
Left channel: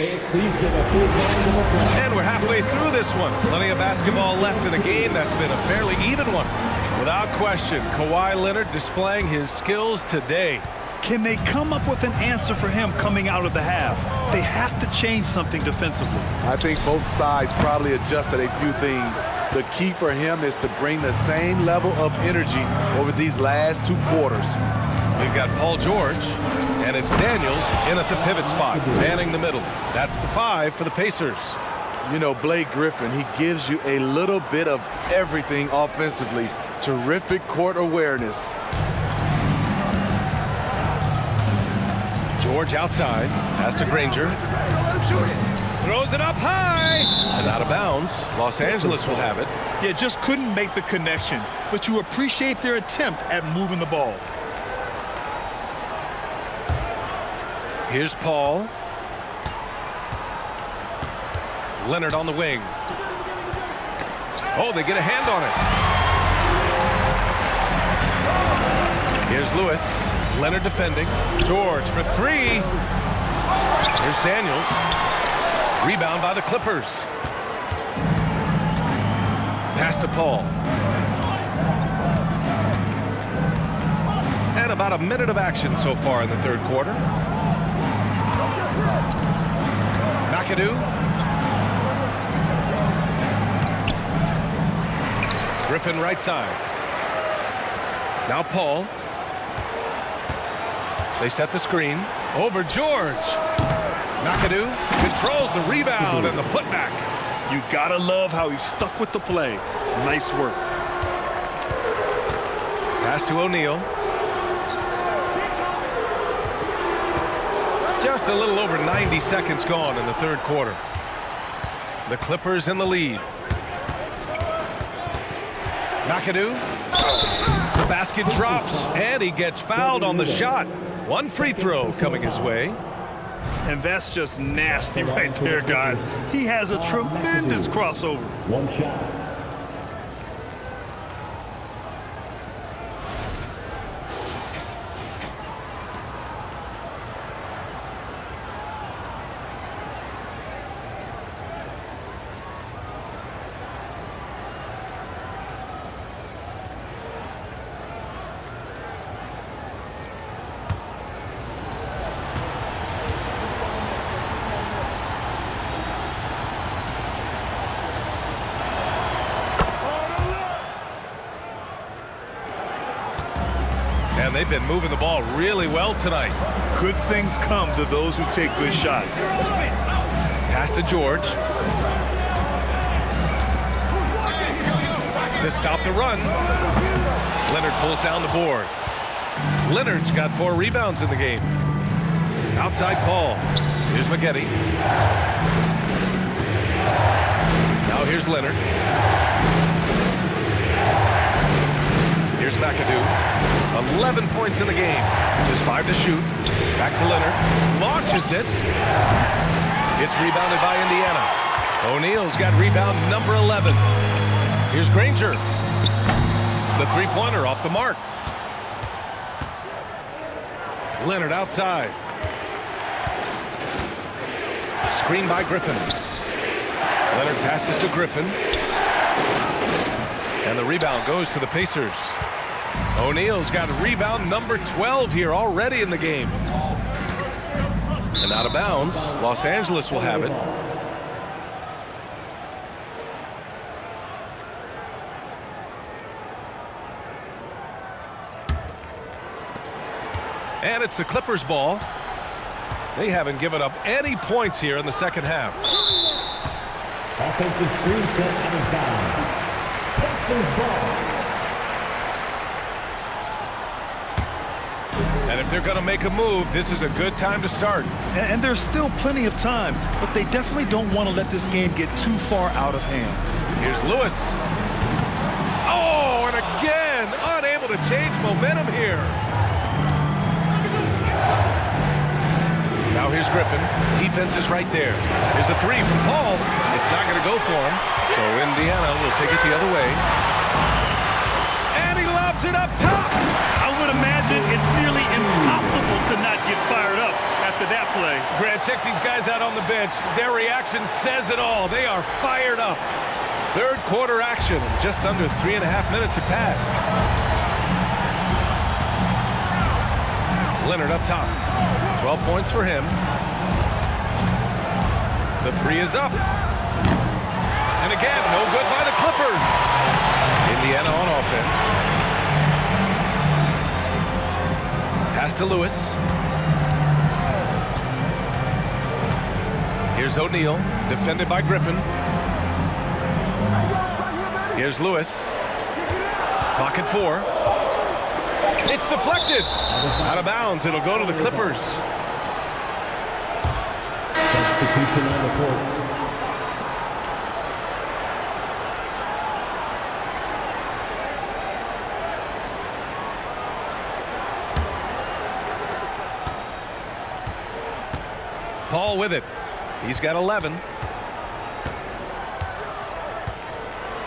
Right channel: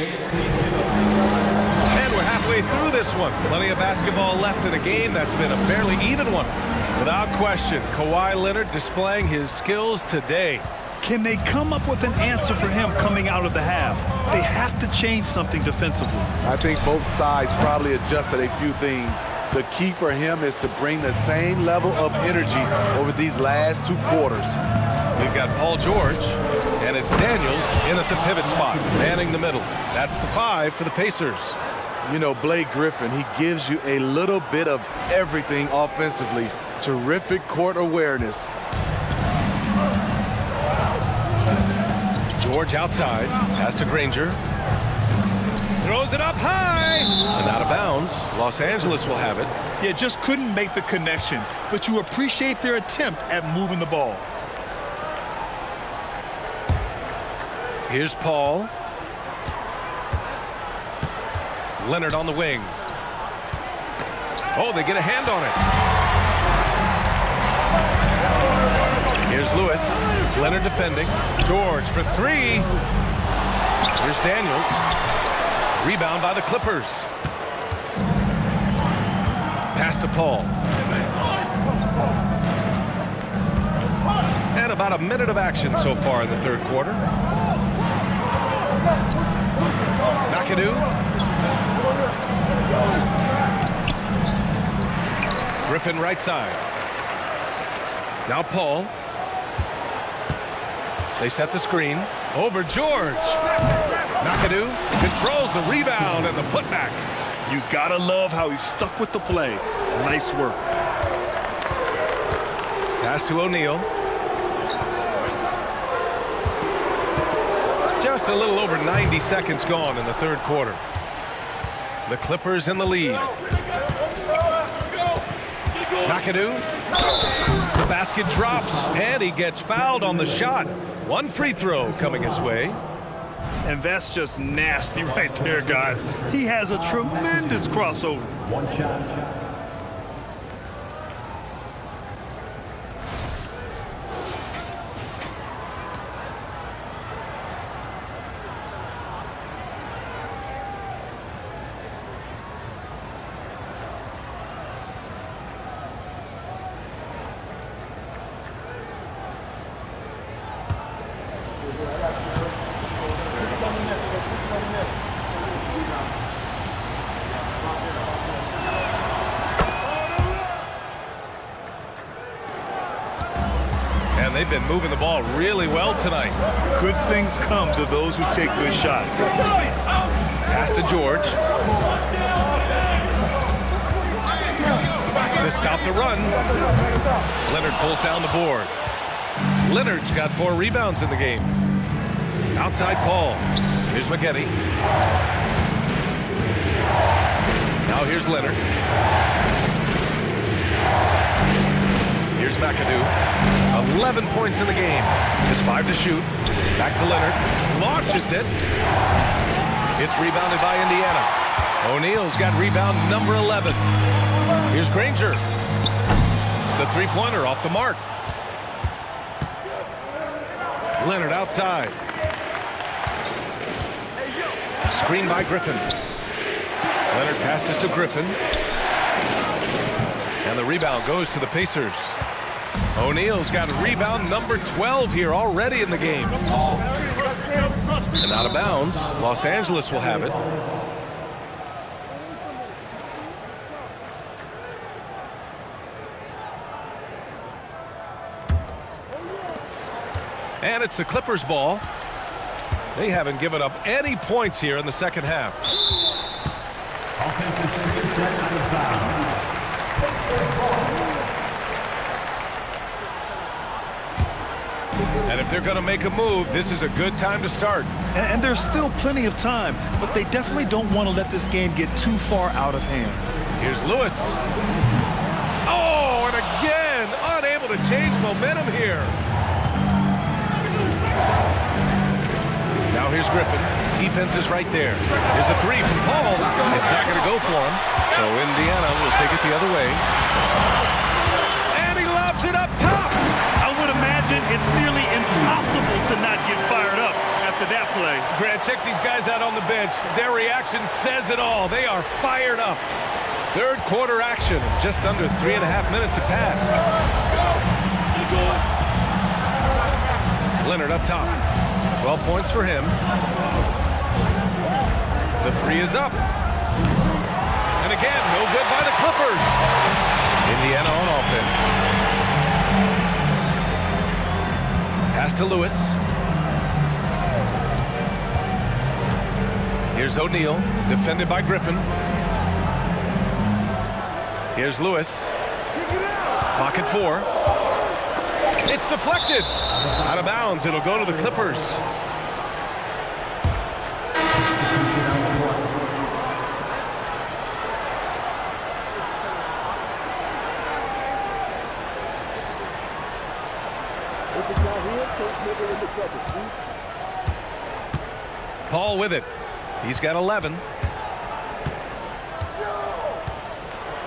And we're halfway through this one. Plenty of basketball left in a game that's been a fairly even one. Without question, Kawhi Leonard displaying his skills today. Can they come up with an answer for him coming out of the half? They have to change something defensively. I think both sides probably adjusted a few things. The key for him is to bring the same level of energy over these last 2 quarters. We've got Paul George, and it's Daniels in at the pivot spot, manning the middle. That's the 5 for the Pacers. You know, Blake Griffin, he gives you a little bit of everything offensively. Terrific court awareness. George outside, pass to Granger. Throws it up high and out of bounds. Los Angeles will have it. Yeah, just couldn't make the connection, but you appreciate their attempt at moving the ball. Here's Paul. Leonard on the wing. Oh, they get a hand on it. Here's Lewis. Leonard defending. George for three. Here's Daniels. Rebound by the Clippers. Pass to Paul. And about a minute of action so far in the third quarter. McAdoo. Griffin right side. Now Paul. They set the screen. Over George. McAdoo controls the rebound and the putback. You gotta love how he stuck with the play. Nice work. Pass to O'Neal. Just a little over 90 seconds gone in the third quarter. The Clippers in the lead. McAdoo. The basket drops, and he gets fouled on the shot. One free throw coming his way. And that's just nasty right there, guys. He has a tremendous crossover. One shot. And they've been moving the ball really well tonight. Good things come to those who take good shots. Pass to George. To stop the run. Leonard pulls down the board. Leonard's got 4 rebounds in the game. Outside Paul. Here's Maggette. Now here's Leonard. Here's McAdoo. 11 points in the game. Just 5 to shoot. Back to Leonard. Launches it. It's rebounded by Indiana. O'Neal's got rebound number 11. Here's Granger. The three-pointer off the mark. Leonard outside. Screen by Griffin. Leonard passes to Griffin. And the rebound goes to the Pacers. O'Neal's got rebound number 12 here already in the game. And out of bounds, Los Angeles will have it. And it's the Clippers' ball. They haven't given up any points here in the second half. Offensive screen set out of bounds. Pacers ball. And if they're going to make a move, this is a good time to start. And there's still plenty of time, but they definitely don't want to let this game get too far out of hand. Here's Lewis. Oh, and again, unable to change momentum here. Now here's Griffin. Defense is right there. Here's a three from Paul. It's not going to go for him. So Indiana will take it the other way. And he lobs it up top. I would imagine it's nearly impossible to not get fired up after that play. Grant, check these guys out on the bench. Their reaction says it all. They are fired up. Third quarter action, and just under 3.5 minutes have passed. Leonard up top. 12 points for him. The three is up. And again, no good by the Clippers. Indiana on offense. Pass to Lewis. Here's O'Neal, defended by Griffin. Here's Lewis. Clock at 4. It's deflected. Out of bounds. It'll go to the Clippers. Substitution on the court. Paul with it. He's got 11.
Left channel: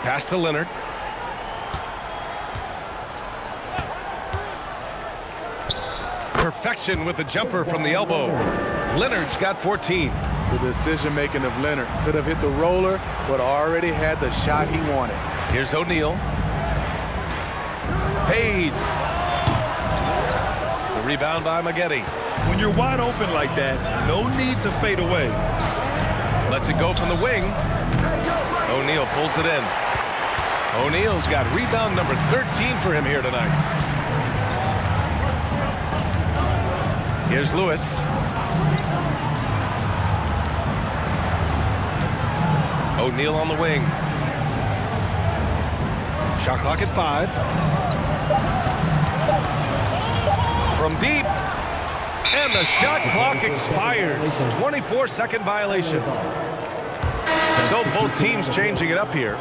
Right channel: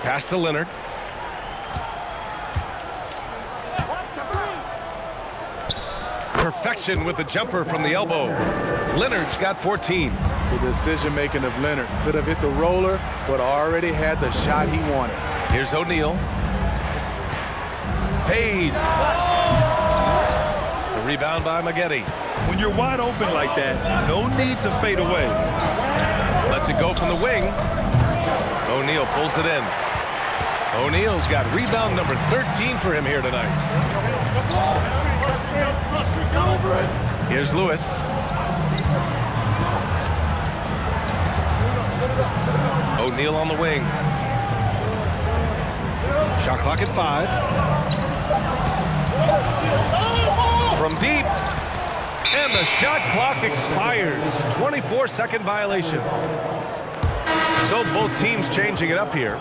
Pass to Leonard. Perfection with the jumper from the elbow. Leonard's got 14. The decision-making of Leonard could have hit the roller, but already had the shot he wanted. Here's O'Neal. Fades. The rebound by Maggette. When you're wide open like that, no need to fade away. Lets it go from the wing. O'Neal pulls it in. O'Neal's got rebound number 13 for him here tonight. Here's Lewis. O'Neal on the wing. Shot clock at 5. From deep. And the shot clock expires. 24-second violation. So both teams changing it up here.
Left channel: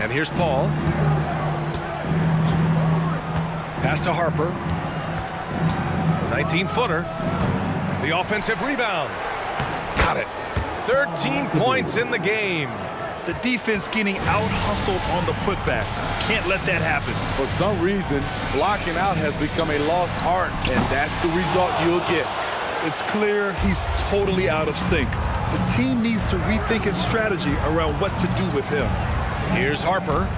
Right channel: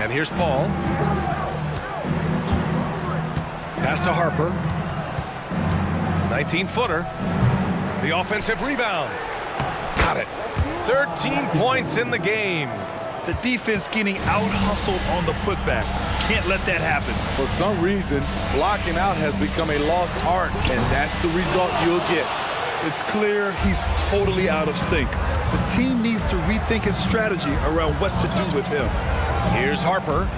And here's Paul. Pass to Harper. 19-footer. The offensive rebound. Got it. 13 points in the game. The defense getting out-hustled on the putback. Can't let that happen. For some reason, blocking out has become a lost art, and that's the result you'll get. It's clear he's totally out of sync. The team needs to rethink its strategy around what to do with him. Here's Harper.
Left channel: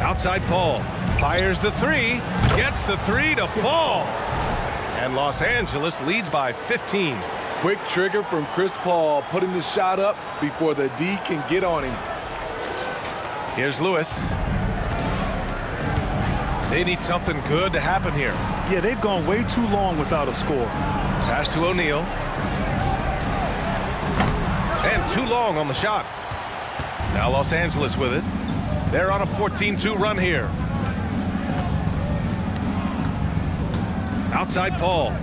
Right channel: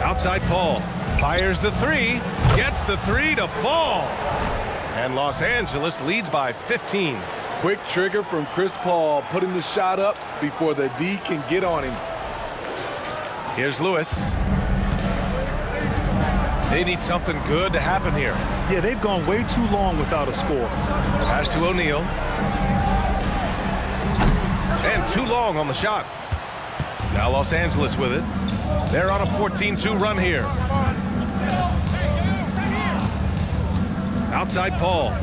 Outside Paul. Fires the 3. Gets the 3 to fall. And Los Angeles leads by 15. Quick trigger from Chris Paul, putting the shot up before the D can get on him. Here's Lewis. They need something good to happen here. Yeah, they've gone way too long without a score. Pass to O'Neal. And too long on the shot. Now Los Angeles with it. They're on a 14-2 run here. Outside Paul.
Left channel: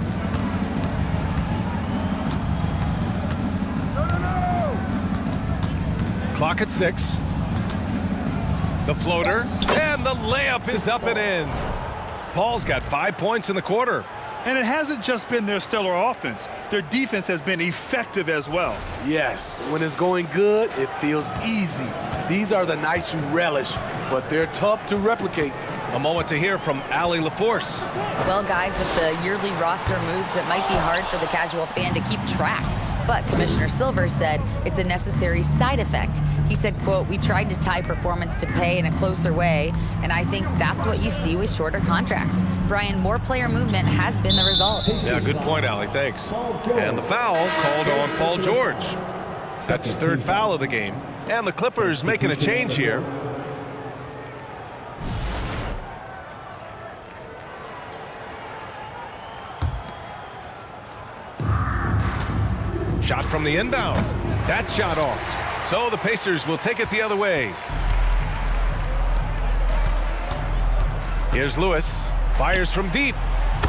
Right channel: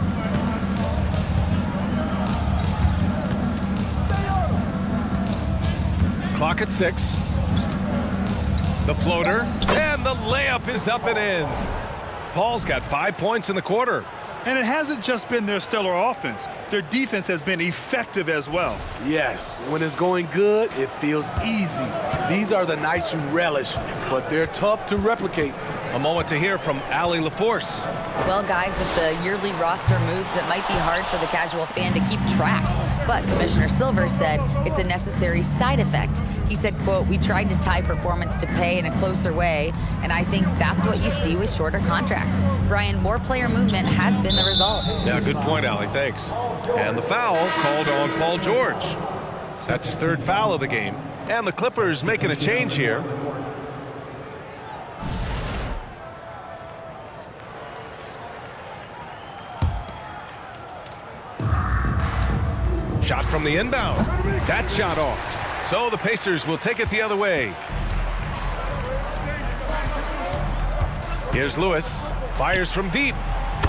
Clock at 6. The floater. And the layup is up and in. Paul's got 5 points in the quarter. And it hasn't just been their stellar offense. Their defense has been effective as well. Yes, when it's going good, it feels easy. These are the nights you relish, but they're tough to replicate. A moment to hear from Allie LaForce. Well, guys, with the yearly roster moves, it might be hard for the casual fan to keep track. But Commissioner Silver said it's a necessary side effect. He said, quote, "We tried to tie performance to pay in a closer way, and I think that's what you see with shorter contracts." Brian, more player movement has been the result. Yeah, good point, Allie. Thanks. And the foul called on Paul George. That's his 3rd foul of the game. And the Clippers making a change here. Shot from the inbound. That shot off. So the Pacers will take it the other way. Here's Lewis. Fires from deep.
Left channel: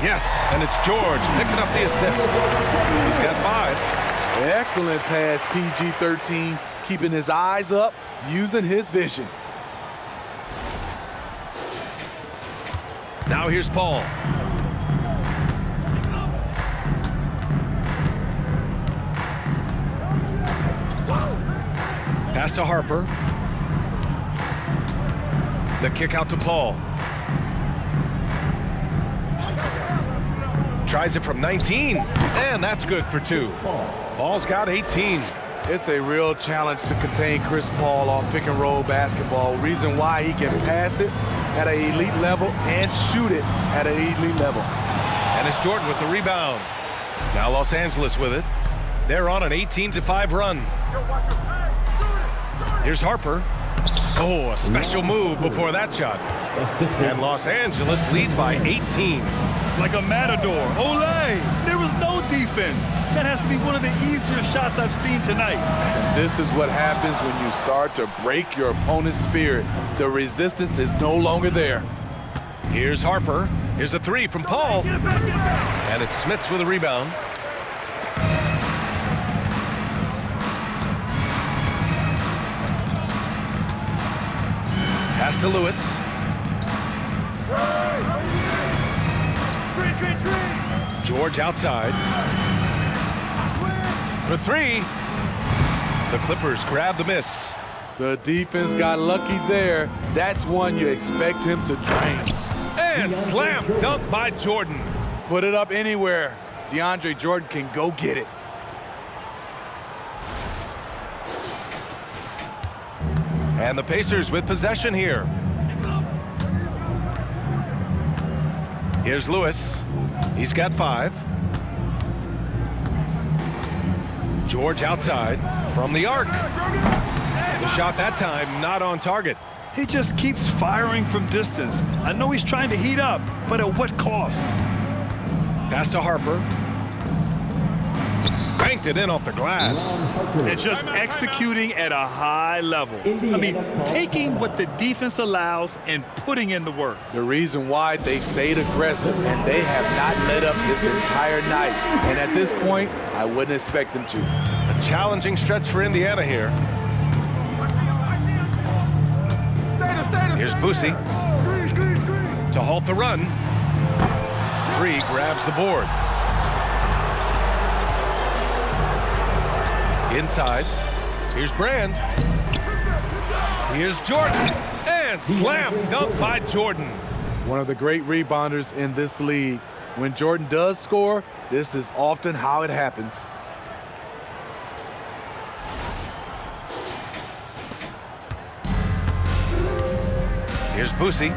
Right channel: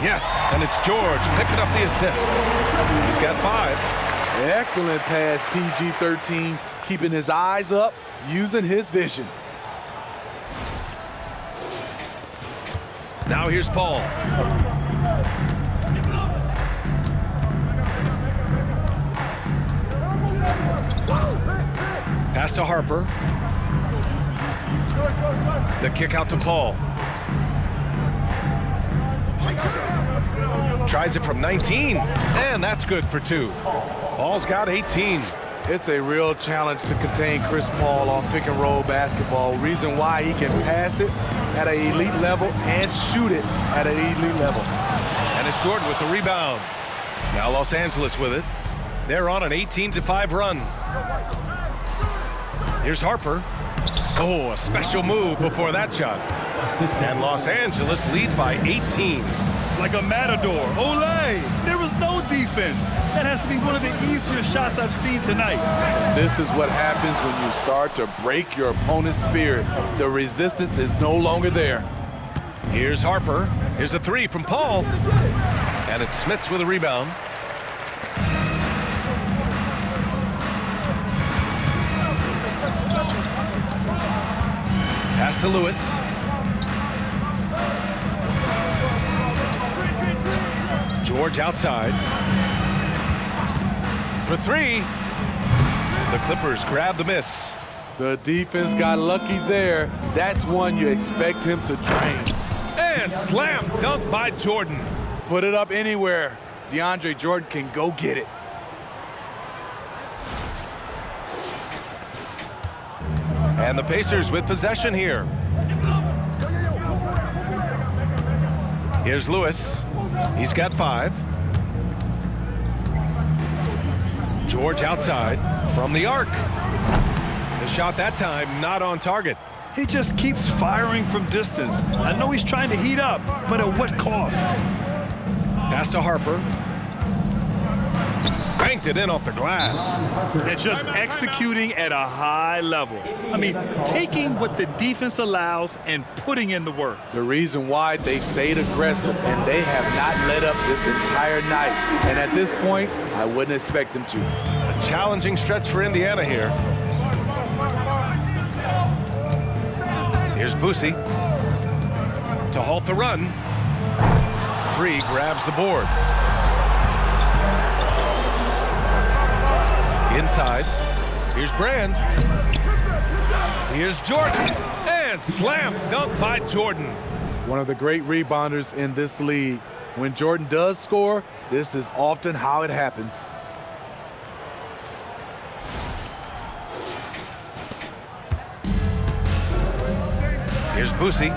Yes, and it's George picking up the assist. He's got 5. Excellent pass, PG-13, keeping his eyes up, using his vision. Now here's Paul. Pass to Harper. The kick out to Paul. Tries it from 19, and that's good for 2. Paul's got 18. It's a real challenge to contain Chris Paul on pick-and-roll basketball. Reason why he can pass it at an elite level and shoot it at an elite level. And it's Jordan with the rebound. Now Los Angeles with it. They're on an 18-5 run. Here's Harper. Oh, a special move before that shot. And Los Angeles leads by 18. Like a matador. Olay! There was no defense. That has to be one of the easier shots I've seen tonight. This is what happens when you start to break your opponent's spirit. The resistance is no longer there. Here's Harper. Here's a three from Paul. And it's Smits with a rebound. Pass to Lewis. George outside. For three. The Clippers grab the miss. The defense got lucky there. That's one you expect him to drain. And slam dunk by Jordan. Put it up anywhere. DeAndre Jordan can go get it. And the Pacers with possession here. Here's Lewis. He's got 5. George outside from the arc. The shot that time not on target. He just keeps firing from distance. I know he's trying to heat up, but at what cost? Pass to Harper. Banked it in off the glass. And just executing at a high level. I mean, taking what the defense allows and putting in the work. The reason why they stayed aggressive and they have not let up this entire night. And at this point, I wouldn't expect them to. A challenging stretch for Indiana here. Here's Boosie to halt the run. Free grabs the board. Inside. Here's Brand. Here's Jordan. And slam dunk by Jordan. One of the great rebounders in this league. When Jordan does score, this is often how it happens. Here's Boosie.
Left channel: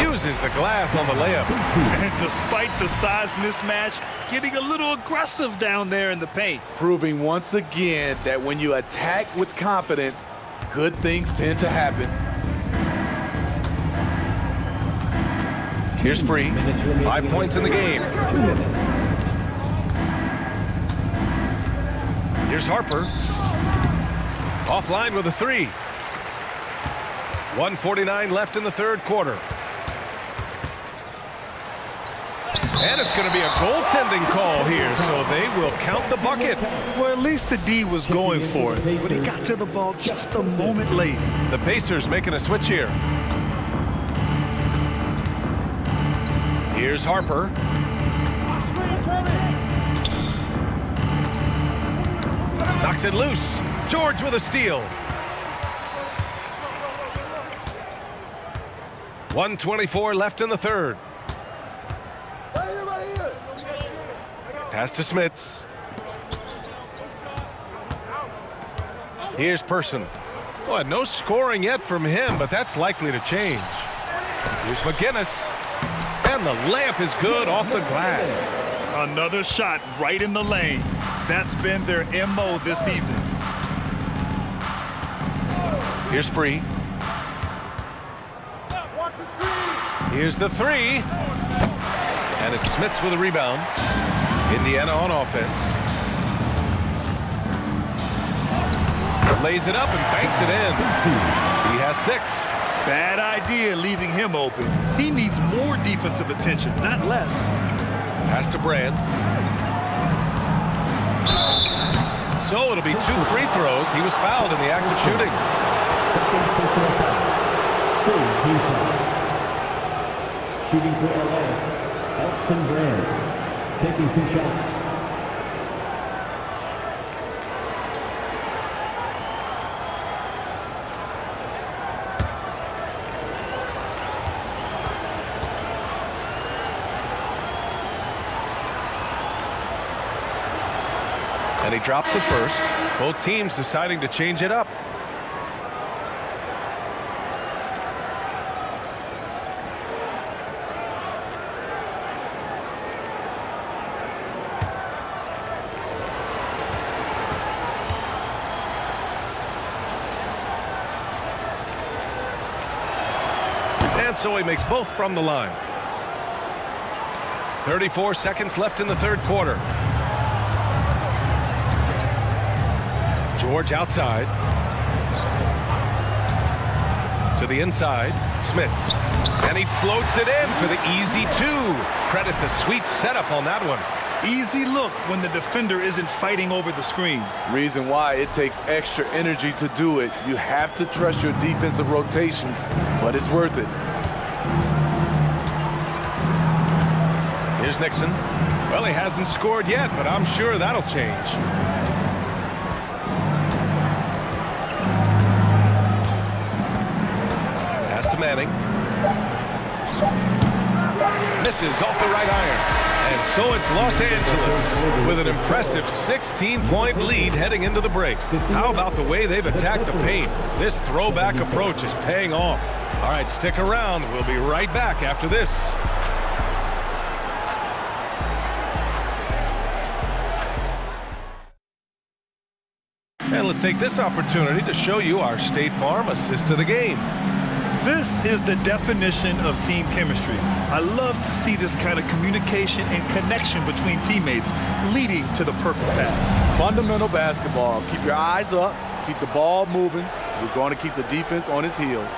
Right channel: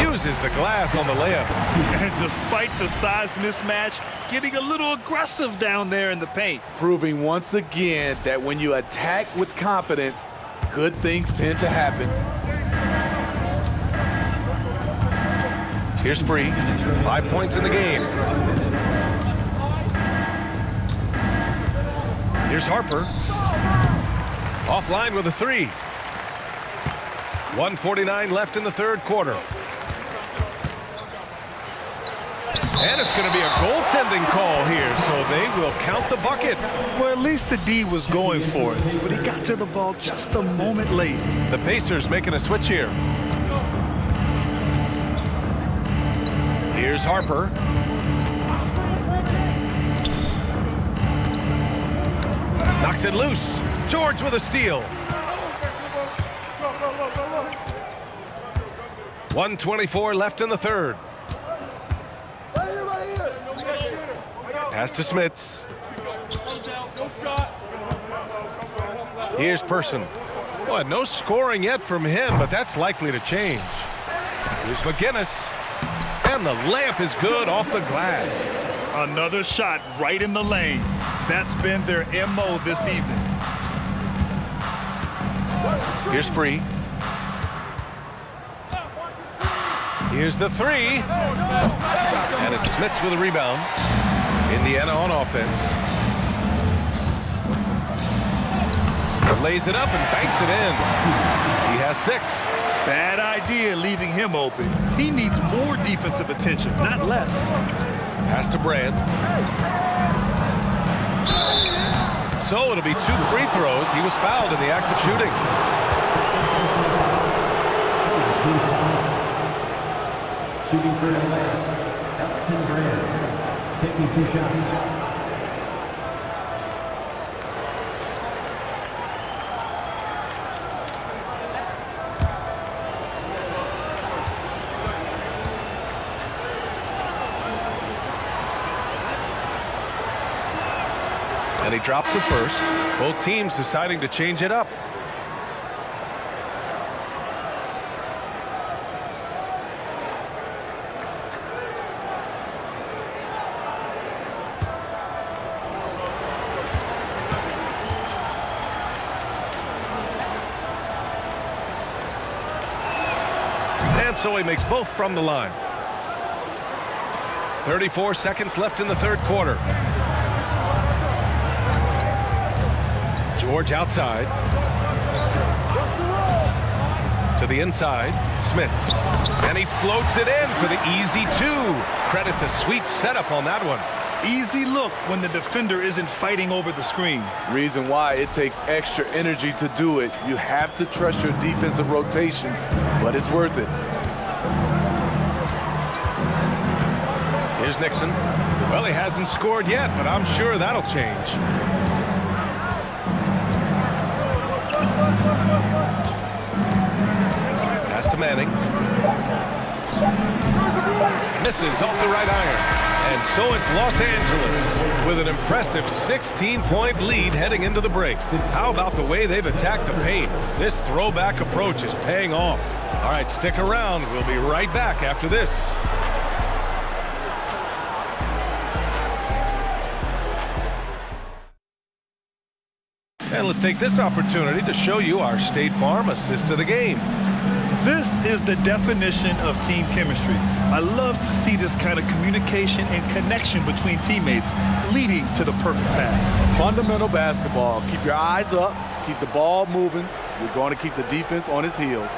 Uses the glass on the layup. And despite the size mismatch, getting a little aggressive down there in the paint. Proving once again that when you attack with confidence, good things tend to happen. Here's Free. 5 points in the game. Here's Harper. Offline with a 3. 1:49 left in the third quarter. And it's going to be a goaltending call here, so they will count the bucket. Well, at least the D was going for it, but he got to the ball just a moment late. The Pacers making a switch here. Here's Harper. Knocks it loose. George with a steal. 1:24 left in the third. Pass to Smits. Here's Person. Boy, no scoring yet from him, but that's likely to change. Here's McGinnis. And the layup is good off the glass. Another shot right in the lane. That's been their MO this evening. Here's Free. Here's the 3. And it's Smits with a rebound. Indiana on offense. Lays it up and banks it in. He has 6. Bad idea leaving him open. He needs more defensive attention, not less. Pass to Brand. So it'll be 2 free throws. He was fouled in the act of shooting. Shooting for LA, Elton Brand, taking 2 shots. And he drops it first. Both teams deciding to change it up. And so he makes both from the line. 34 seconds left in the third quarter. George outside. To the inside. Smits. And he floats it in for the easy two. Credit the sweet setup on that one. Easy look when the defender isn't fighting over the screen. Reason why it takes extra energy to do it. You have to trust your defensive rotations, but it's worth it. Here's Nixon. Well, he hasn't scored yet, but I'm sure that'll change. Pass to Manning. Misses off the right iron. And so it's Los Angeles with an impressive 16-point lead heading into the break. How about the way they've attacked the paint? This throwback approach is paying off. All right, stick around. We'll be right back after this. And let's take this opportunity to show you our State Farm assist to the game. This is the definition of team chemistry. I love to see this kind of communication and connection between teammates leading to the perfect pass. Fundamental basketball. Keep your eyes up. Keep the ball moving. You're going to keep the defense on its heels.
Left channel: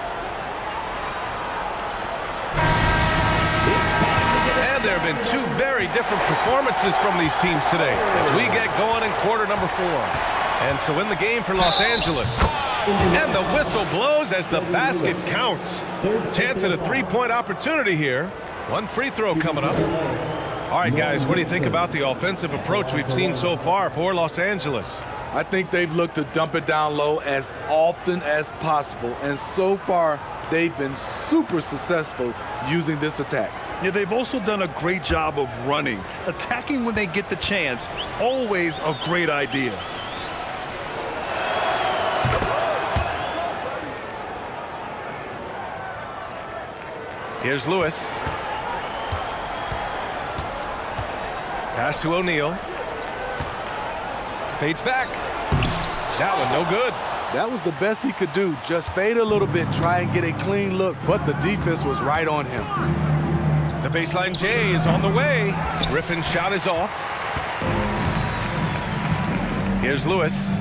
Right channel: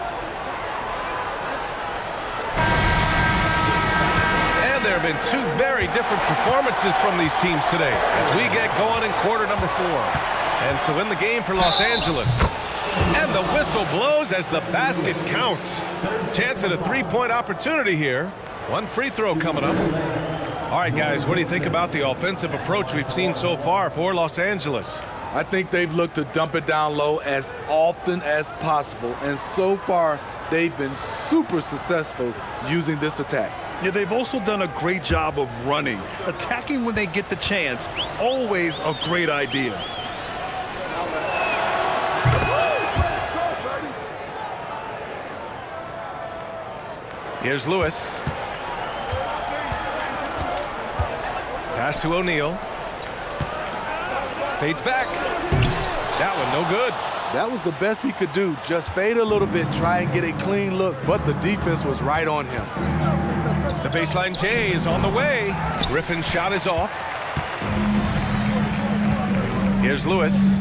And there have been two very different performances from these teams today as we get going in quarter number 4. And so in the game for Los Angeles. And the whistle blows as the basket counts. Chance at a three-point opportunity here. One free throw coming up. All right, guys, what do you think about the offensive approach we've seen so far for Los Angeles? I think they've looked to dump it down low as often as possible. And so far, they've been super successful using this attack. Yeah, they've also done a great job of running. Attacking when they get the chance, always a great idea. Here's Lewis. Pass to O'Neal. Fades back. That one no good. That was the best he could do. Just fade a little bit, try and get a clean look, but the defense was right on him. The baseline J is on the way. Griffin's shot is off. Here's Lewis.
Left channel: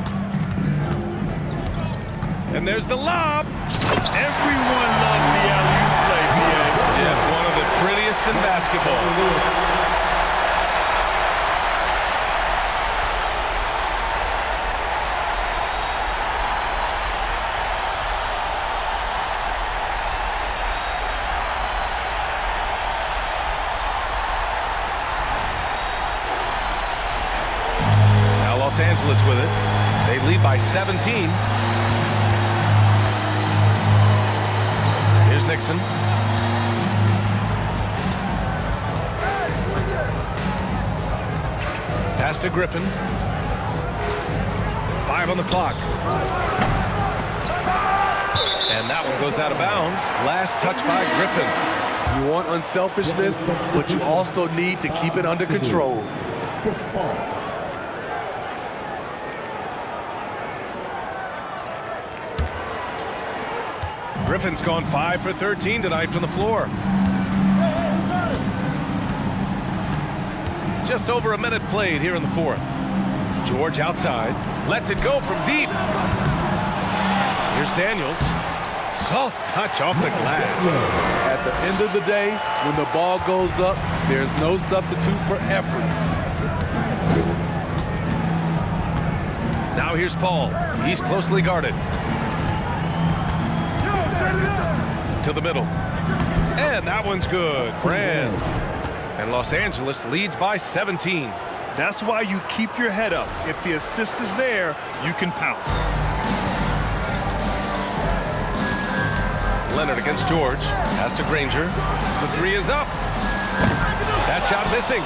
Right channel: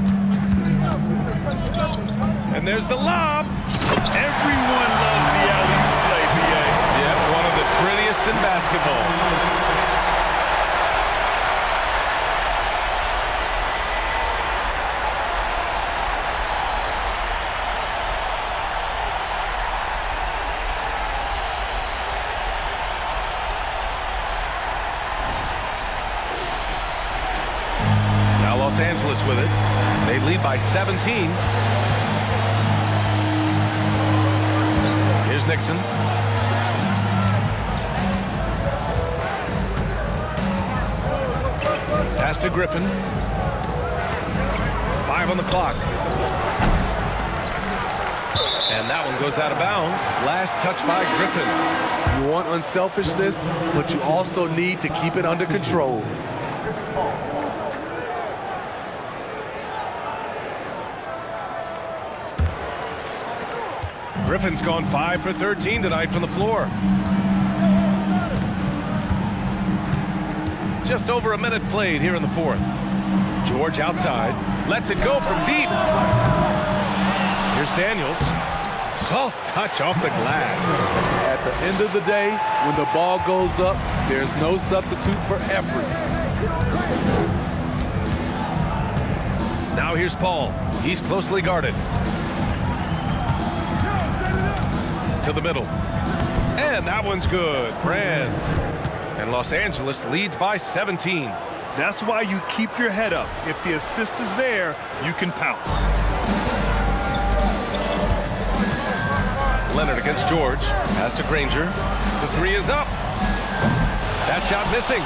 And there's the lob. Everyone loves the alley-oop play, B.A. Yep, one of the prettiest in basketball. Now Los Angeles with it. They lead by 17. Here's Nixon. Pass to Griffin. 5 on the clock. And that one goes out of bounds. Last touch by Griffin. You want unselfishness, but you also need to keep it under control. Griffin's gone 5 for 13 tonight from the floor. Just over a minute played here in the fourth. George outside. Lets it go from deep. Here's Daniels. Soft touch off the glass. At the end of the day, when the ball goes up, there's no substitute for effort. Now here's Paul. He's closely guarded. To the middle. And that one's good. Brand. And Los Angeles leads by 17. That's why you keep your head up. If the assist is there, you can pounce. Leonard against George. Pass to Granger. The three is up. That shot missing.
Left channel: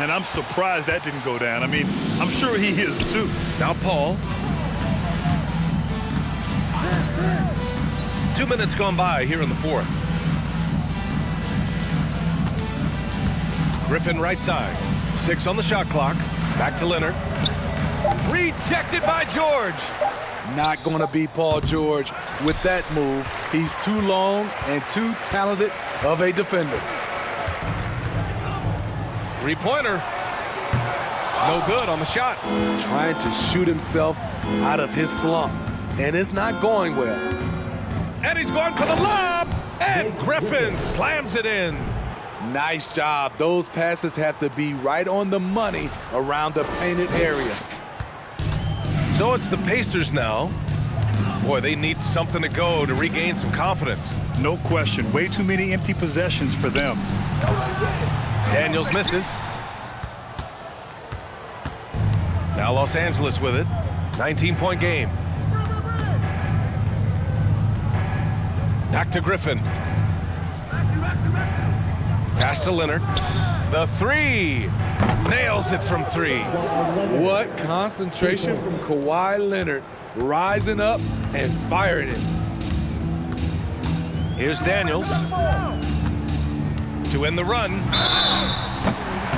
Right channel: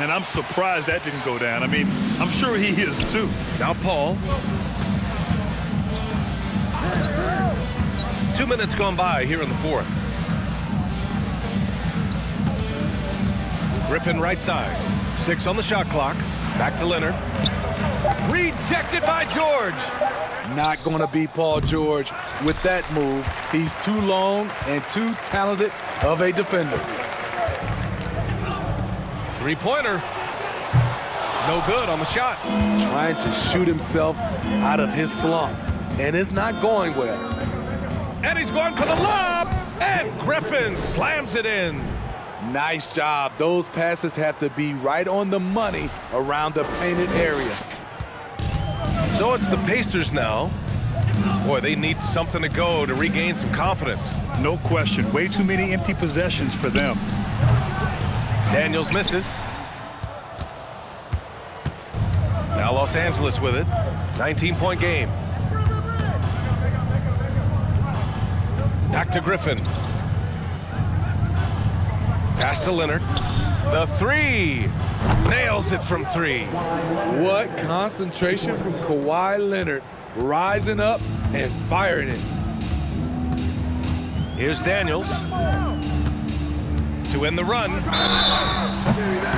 And I'm surprised that didn't go down. I mean, I'm sure he is too. Now Paul. 2 minutes gone by here in the fourth. Griffin right side. 6 on the shot clock. Back to Leonard. Rejected by George. Not going to be Paul George with that move. He's too long and too talented of a defender. Three-pointer. No good on the shot. Trying to shoot himself out of his slump, and it's not going well. And he's going for the lob. And Griffin slams it in. Nice job. Those passes have to be right on the money around the painted area. So it's the Pacers now. Boy, they need something to go to regain some confidence. No question. Way too many empty possessions for them. Daniels misses. Now Los Angeles with it. 19-point game. Back to Griffin. Pass to Leonard. The three. Nails it from three. What concentration from Kawhi Leonard, rising up and firing it. Here's Daniels to end the run.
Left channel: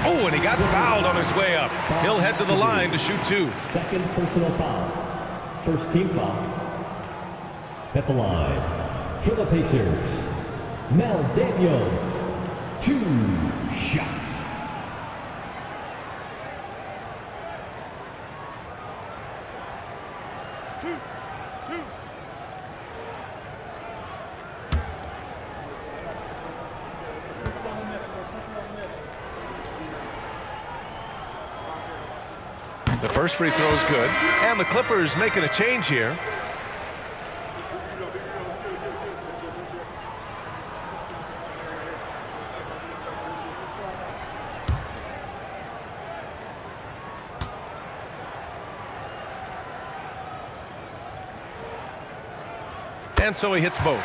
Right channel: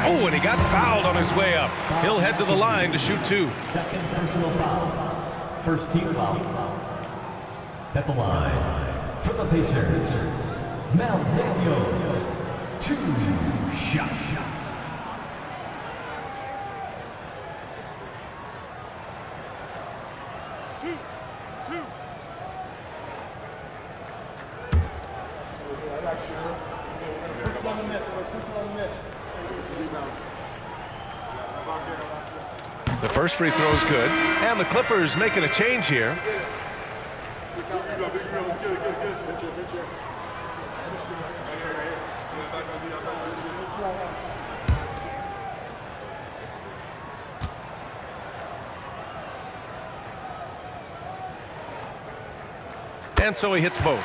Oh, and he got fouled on his way up. He'll head to the line to shoot two. Second personal foul. First team foul. At the line for the Pacers, Mel Daniels. 2 shots. Two. The first free throw is good, and the Clippers making a change here. And so he hits both.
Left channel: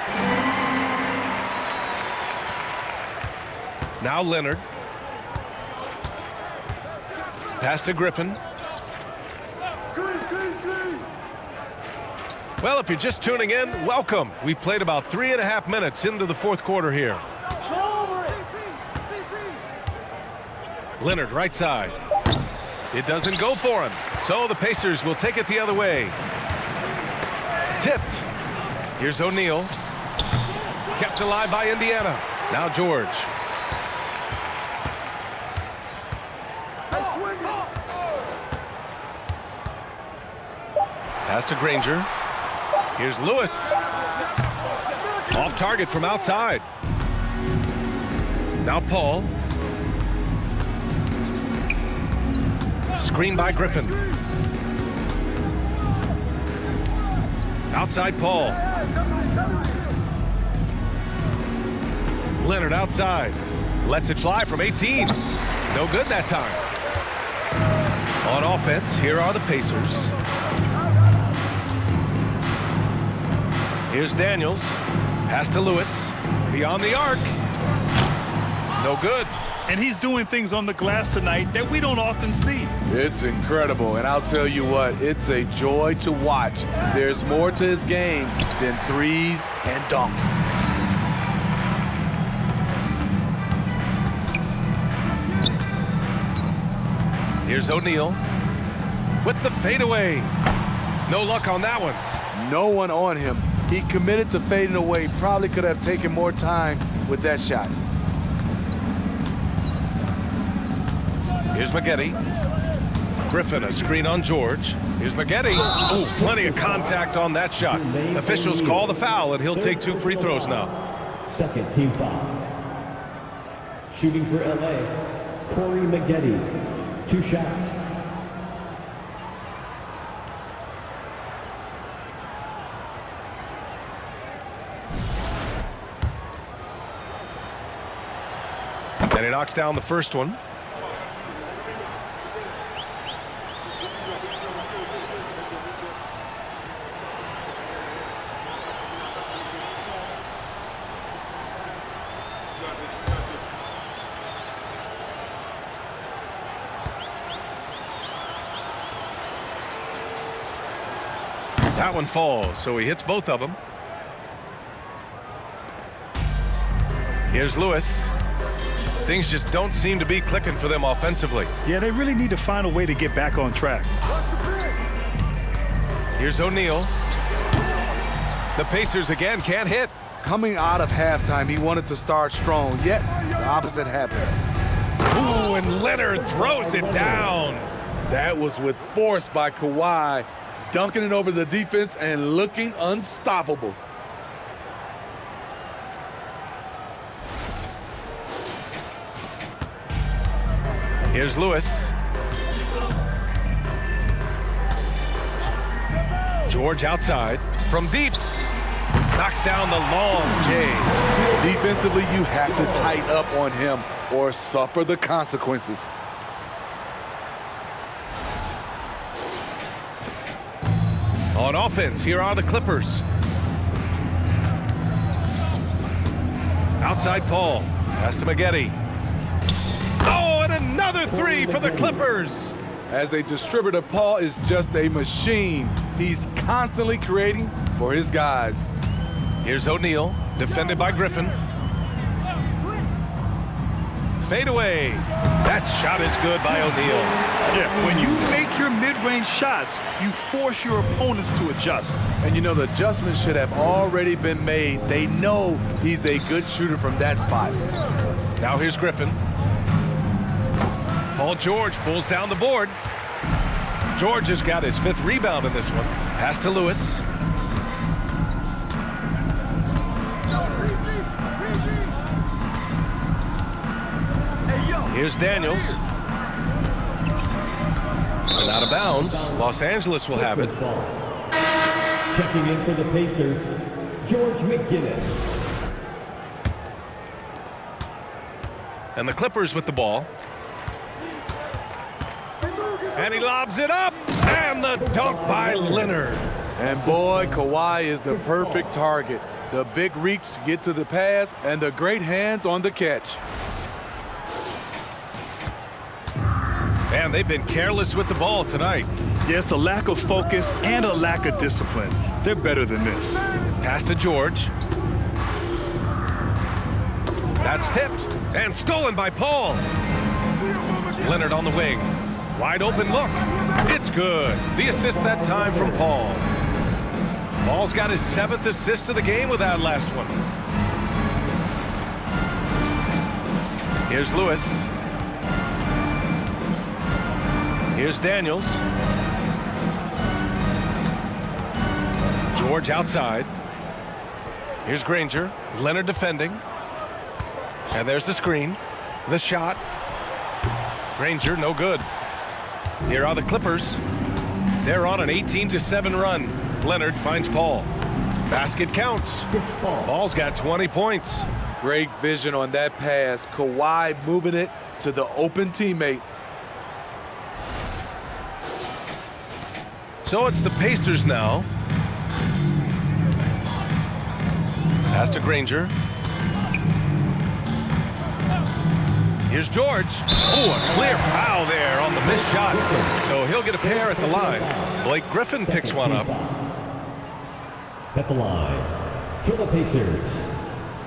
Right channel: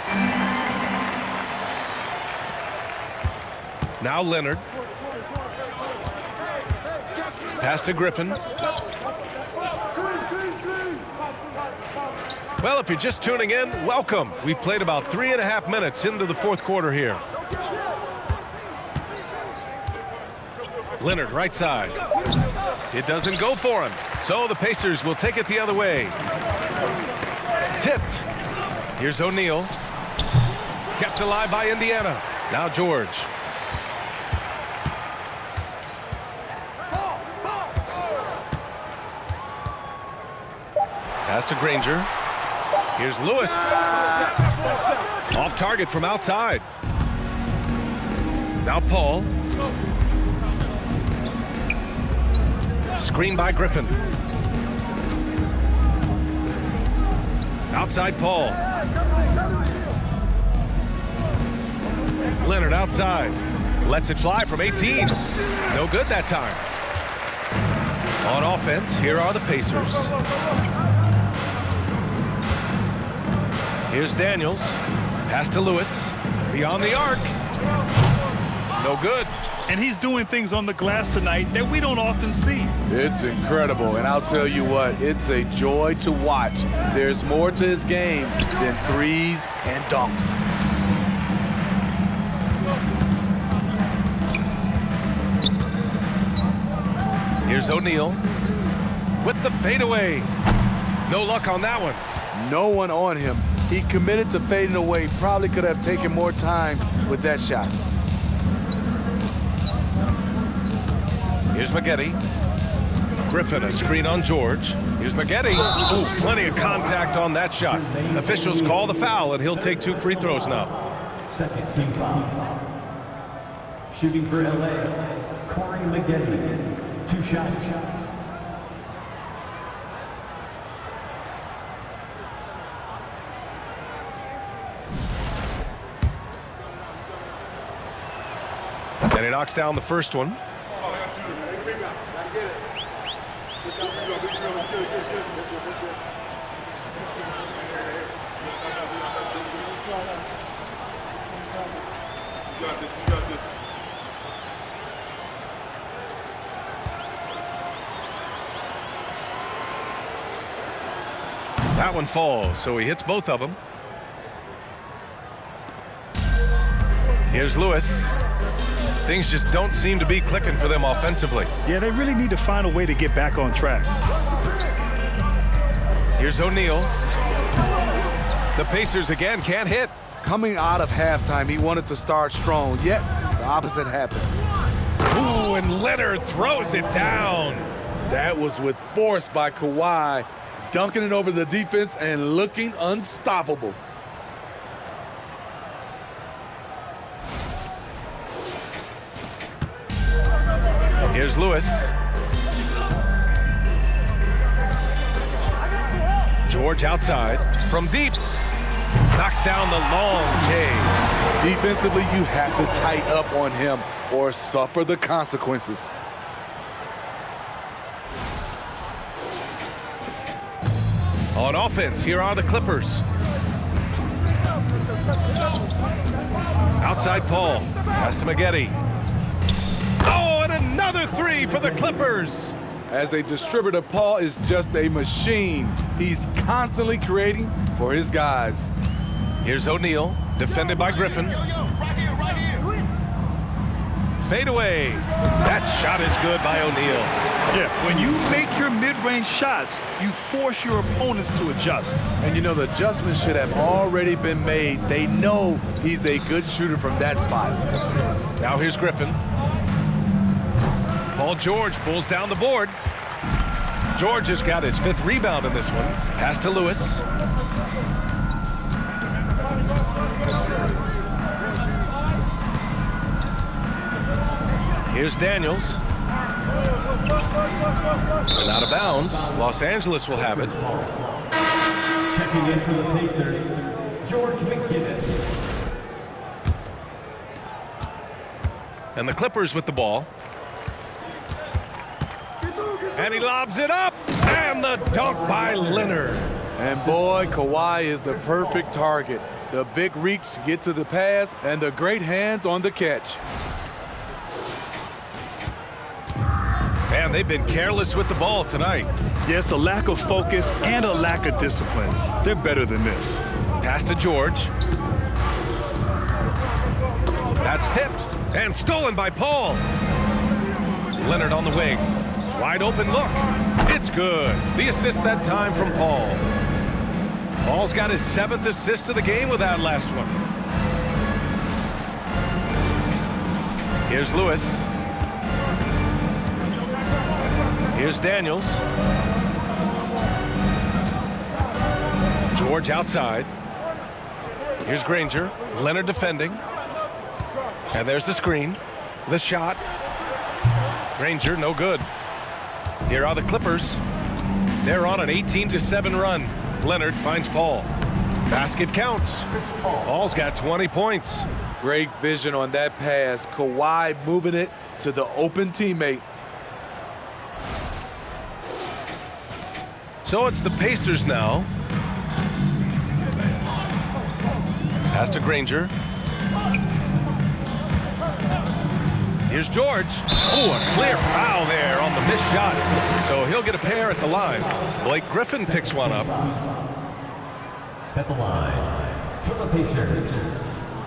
Now Leonard. Pass to Griffin. Well, if you're just tuning in, welcome. We've played about 3.5 minutes into the fourth quarter here. Leonard, right side. It doesn't go for him, so the Pacers will take it the other way. Tipped. Here's O'Neal. Kept alive by Indiana. Now George. Pass to Granger. Here's Lewis. Off target from outside. Now Paul. Screen by Griffin. Outside Paul. Leonard outside. Lets it fly from 18. No good that time. On offense, here are the Pacers. Here's Daniels. Pass to Lewis. Beyond the arc. No good. And he's doing things on the glass tonight that we don't often see. It's incredible, and I'll tell you what, it's a joy to watch. There's more to his game than threes and dunks. Here's O'Neal with the fadeaway. No luck on that one. No one on him. He committed to fading away. Probably could have taken more time with that shot. Here's Maggette. Griffin, a screen on George. Here's Maggette. Oh, plenty of contact on that shot. Officials call the foul, and he'll take 2 free throws now. Second team foul. Shooting for LA, Corey Maggette. 2 shots. And he knocks down the first one. That one falls, so he hits both of them. Here's Lewis. Things just don't seem to be clicking for them offensively. Yeah, they really need to find a way to get back on track. Here's O'Neal. The Pacers again can't hit. Coming out of halftime, he wanted to start strong, yet the opposite happened. Ooh, and Leonard throws it down. That was with force by Kawhi, dunking it over the defense and looking unstoppable. Here's Lewis. George outside. From deep. Knocks down the long J. Defensively, you have to tighten up on him or suffer the consequences. On offense, here are the Clippers. Outside Paul. Pass to Maggette. Oh, and another three for the Clippers. As a distributor, Paul is just a machine. He's constantly creating for his guys. Here's O'Neal, defended by Griffin. Fade away. That shot is good by O'Neal. Yeah, when you make your mid-range shots, you force your opponents to adjust. And you know, the adjustments should have already been made. They know he's a good shooter from that spot. Now here's Griffin. Paul George pulls down the board. George has got his 5th rebound in this one. Pass to Lewis. Here's Daniels. And out of bounds. Los Angeles will have it. Checking in for the Pacers, George McGinnis. And the Clippers with the ball. And he lobs it up. And the dunk by Leonard. And boy, Kawhi is the perfect target. The big reach to get to the pass and the great hands on the catch. And they've been careless with the ball tonight. Yeah, it's a lack of focus and a lack of discipline. They're better than this. Pass to George. That's tipped and stolen by Paul. Leonard on the wing. Wide open look. It's good. The assist that time from Paul. Paul's got his 7th assist of the game with that last one. Here's Lewis. Here's Daniels. George outside. Here's Granger. Leonard defending. And there's the screen. The shot. Granger, no good. Here are the Clippers. They're on an 18-7 run. Leonard finds Paul. Basket counts. Paul's got 20 points. Great vision on that pass. Kawhi moving it to the open teammate. So it's the Pacers now. Pass to Granger. Here's George. Oh, a clear foul there on the missed shot. So he'll get a pair at the line. Blake Griffin picks one up. At the line for the Pacers,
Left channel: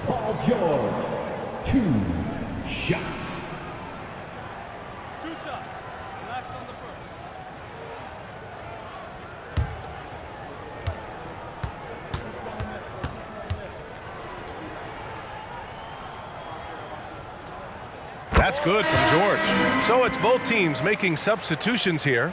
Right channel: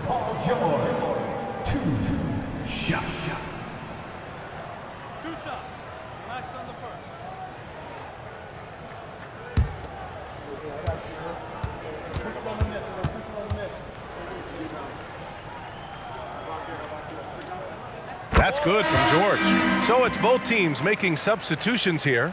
Paul George. 2 shots. 2 shots. Relax on the first. That's good from George. So it's both teams making substitutions here.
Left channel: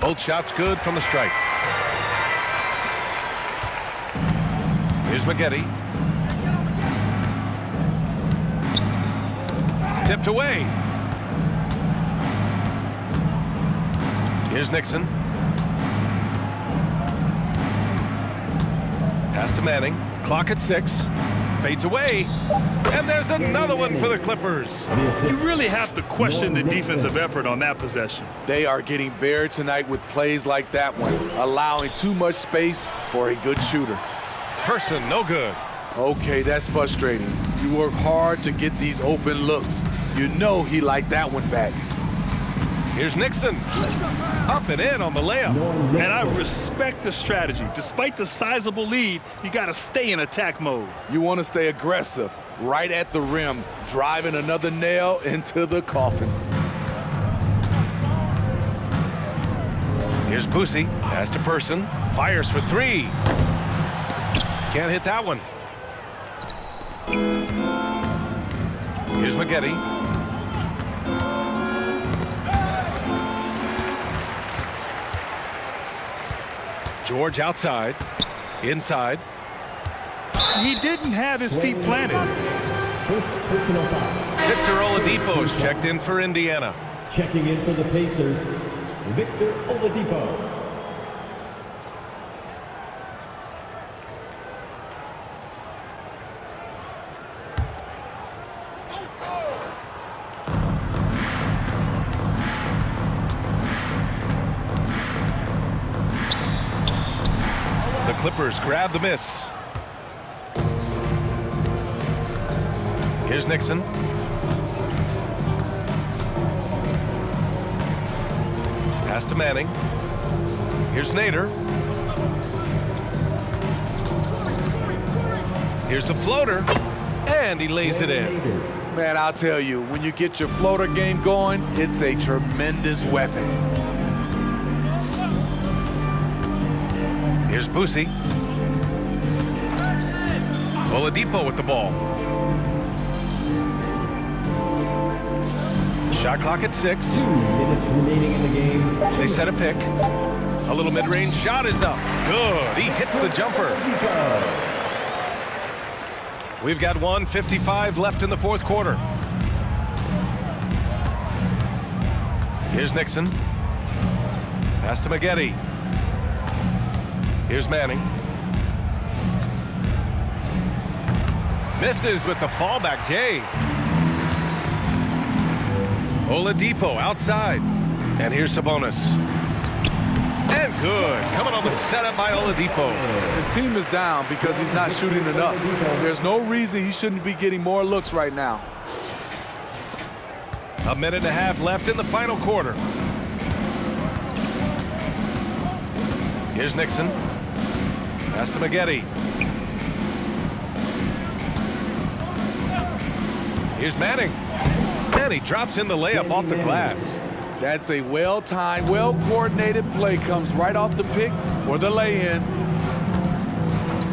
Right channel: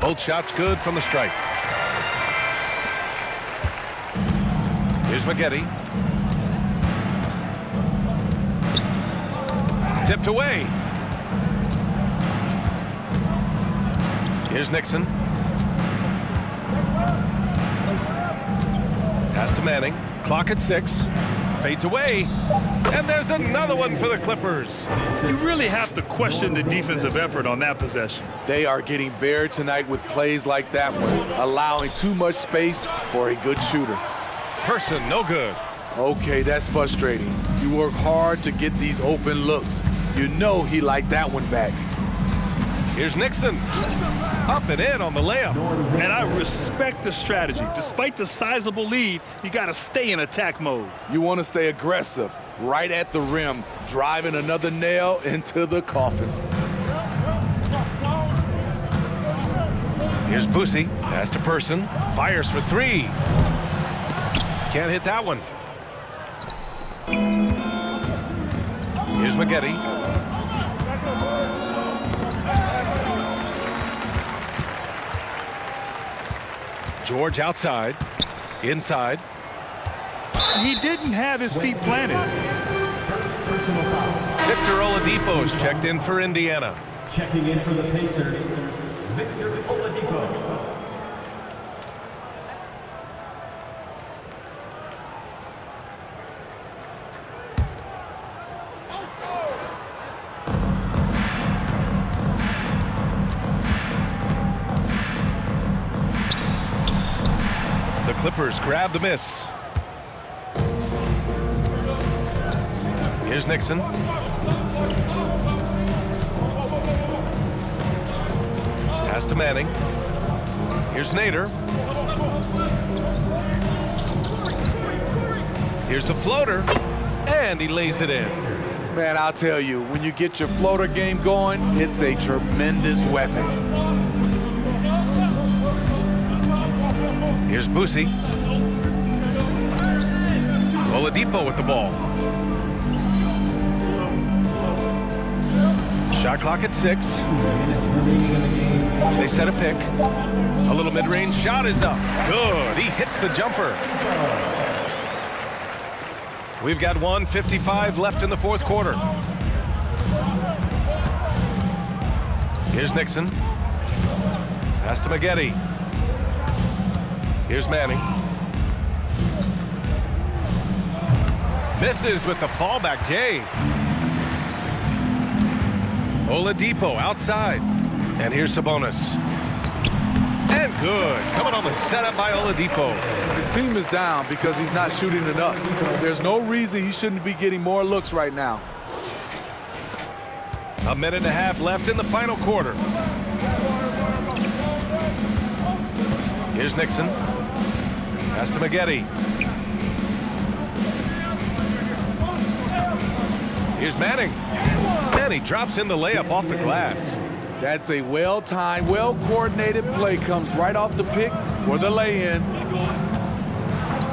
Both shots good from the stripe. Here's Maggette. Tipped away. Here's Nixon. Pass to Manning. Clock at 6. Fades away. And there's another one for the Clippers. You really have to question the defensive effort on that possession. They are getting buried tonight with plays like that one, allowing too much space for a good shooter. Person, no good. Okay, that's frustrating. You work hard to get these open looks. You know he liked that one back. Here's Nixon. Up and in on the layup. And I respect the strategy. Despite the sizable lead, you got to stay in attack mode. You want to stay aggressive, right at the rim, driving another nail into the coffin. Here's Boosie. Pass to Person. Fires for three. Can't hit that one. Here's Maggette. George outside. Inside. He didn't have his feet planted. First personal foul. Victor Oladipo is checked in for Indiana. Checking in for the Pacers, Victor Oladipo. The Clippers grab the miss. Here's Nixon. Pass to Manning. Here's Nader. Here's a floater. And he lays it in. Man, I'll tell you, when you get your floater game going, it's a tremendous weapon. Here's Boosie. Oladipo with the ball. Shot clock at 6. 2 minutes remaining in the game. They set a pick. A little mid-range shot is up. Good. He hits the jumper. We've got 1:55 left in the fourth quarter. Here's Nixon. Pass to Maggette. Here's Manning. Misses with the fallback Jay. Oladipo outside. And here's Sabonis. And good. Coming on the setup by Oladipo. His team is down because he's not shooting enough. There's no reason he shouldn't be getting more looks right now. A minute and a half left in the final quarter. Here's Nixon. Pass to Maggette. Here's Manning. And he drops in the layup off the glass. That's a well-timed, well-coordinated play. Comes right off the pick for the lay-in.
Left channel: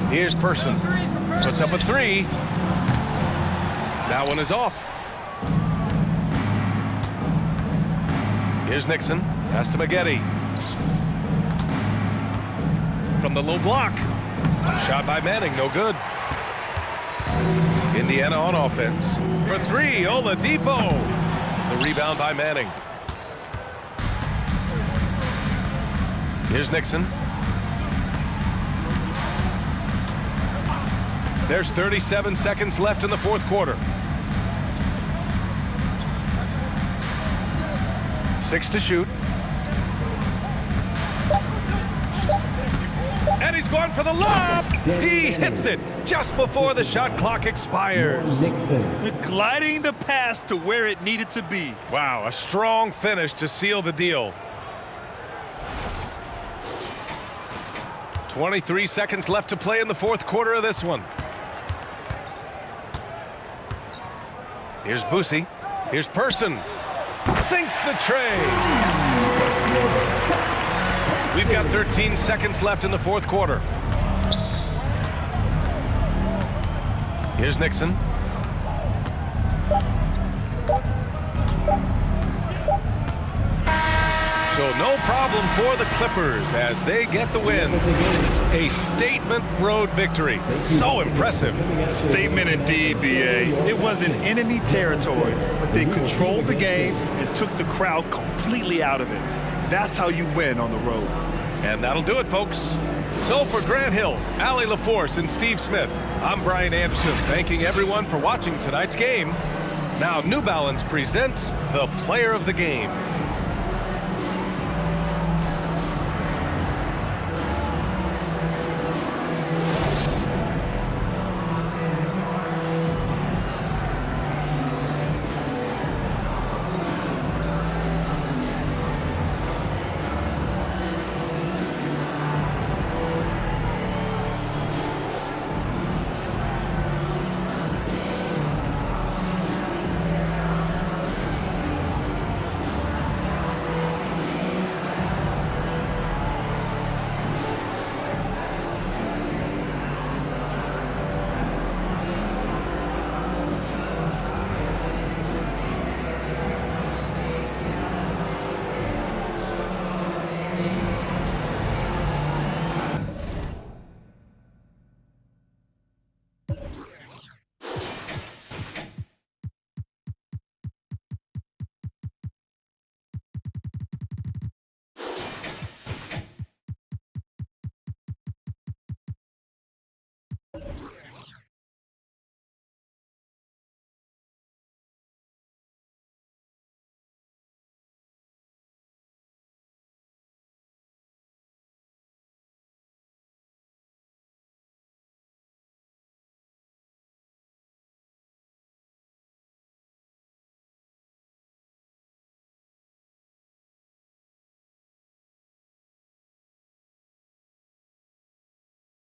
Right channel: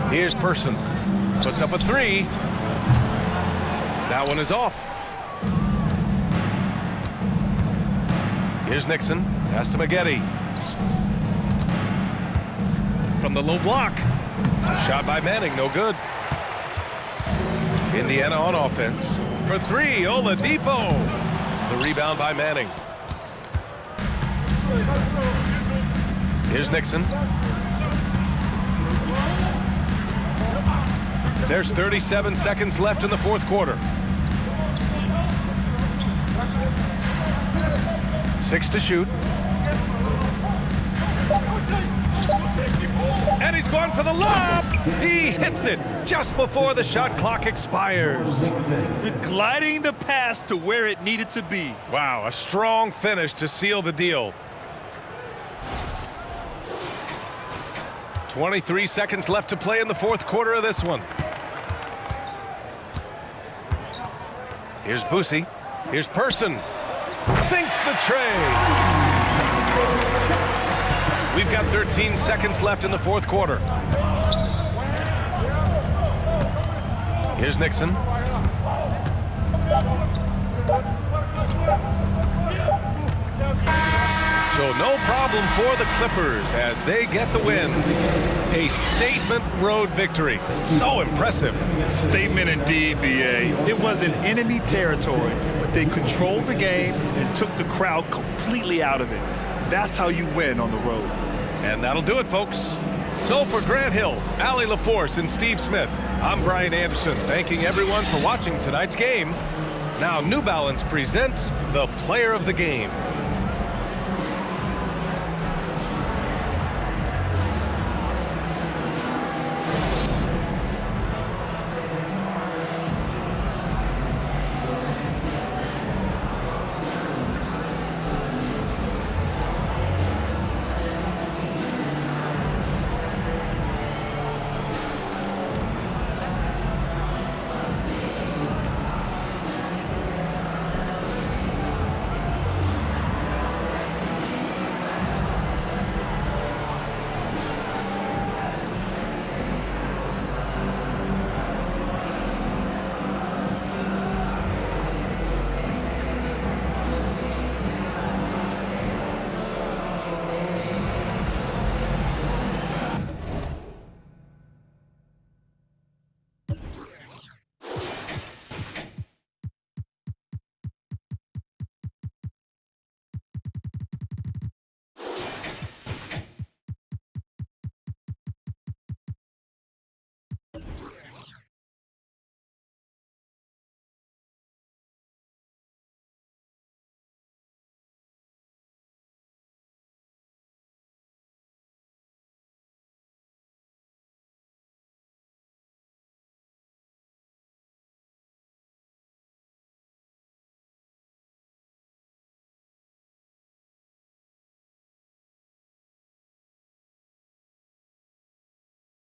Here's Person. Puts up a three. That one is off. Here's Nixon. Pass to Maggette. From the low block. Shot by Manning, no good. Indiana on offense. For three, Oladipo. The rebound by Manning. Here's Nixon. There's 37 seconds left in the fourth quarter. 6 to shoot. And he's going for the lob. He hits it just before the shot clock expires. Gliding the pass to where it needed to be. Wow, a strong finish to seal the deal. 23 seconds left to play in the fourth quarter of this one. Here's Boosie. Here's Person. Sinks the tray. We've got 13 seconds left in the fourth quarter. Here's Nixon. So no problem for the Clippers as they get the win. A statement road victory. So impressive. Statement indeed, BA. It was in enemy territory, but they controlled the game and took the crowd completely out of it. That's how you win on the road. And that'll do it, folks. So for Grant Hill, Allie LaForce, and Steve Smith, I'm Brian Anderson, thanking everyone for watching tonight's game. Now New Balance presents the Player of the Game.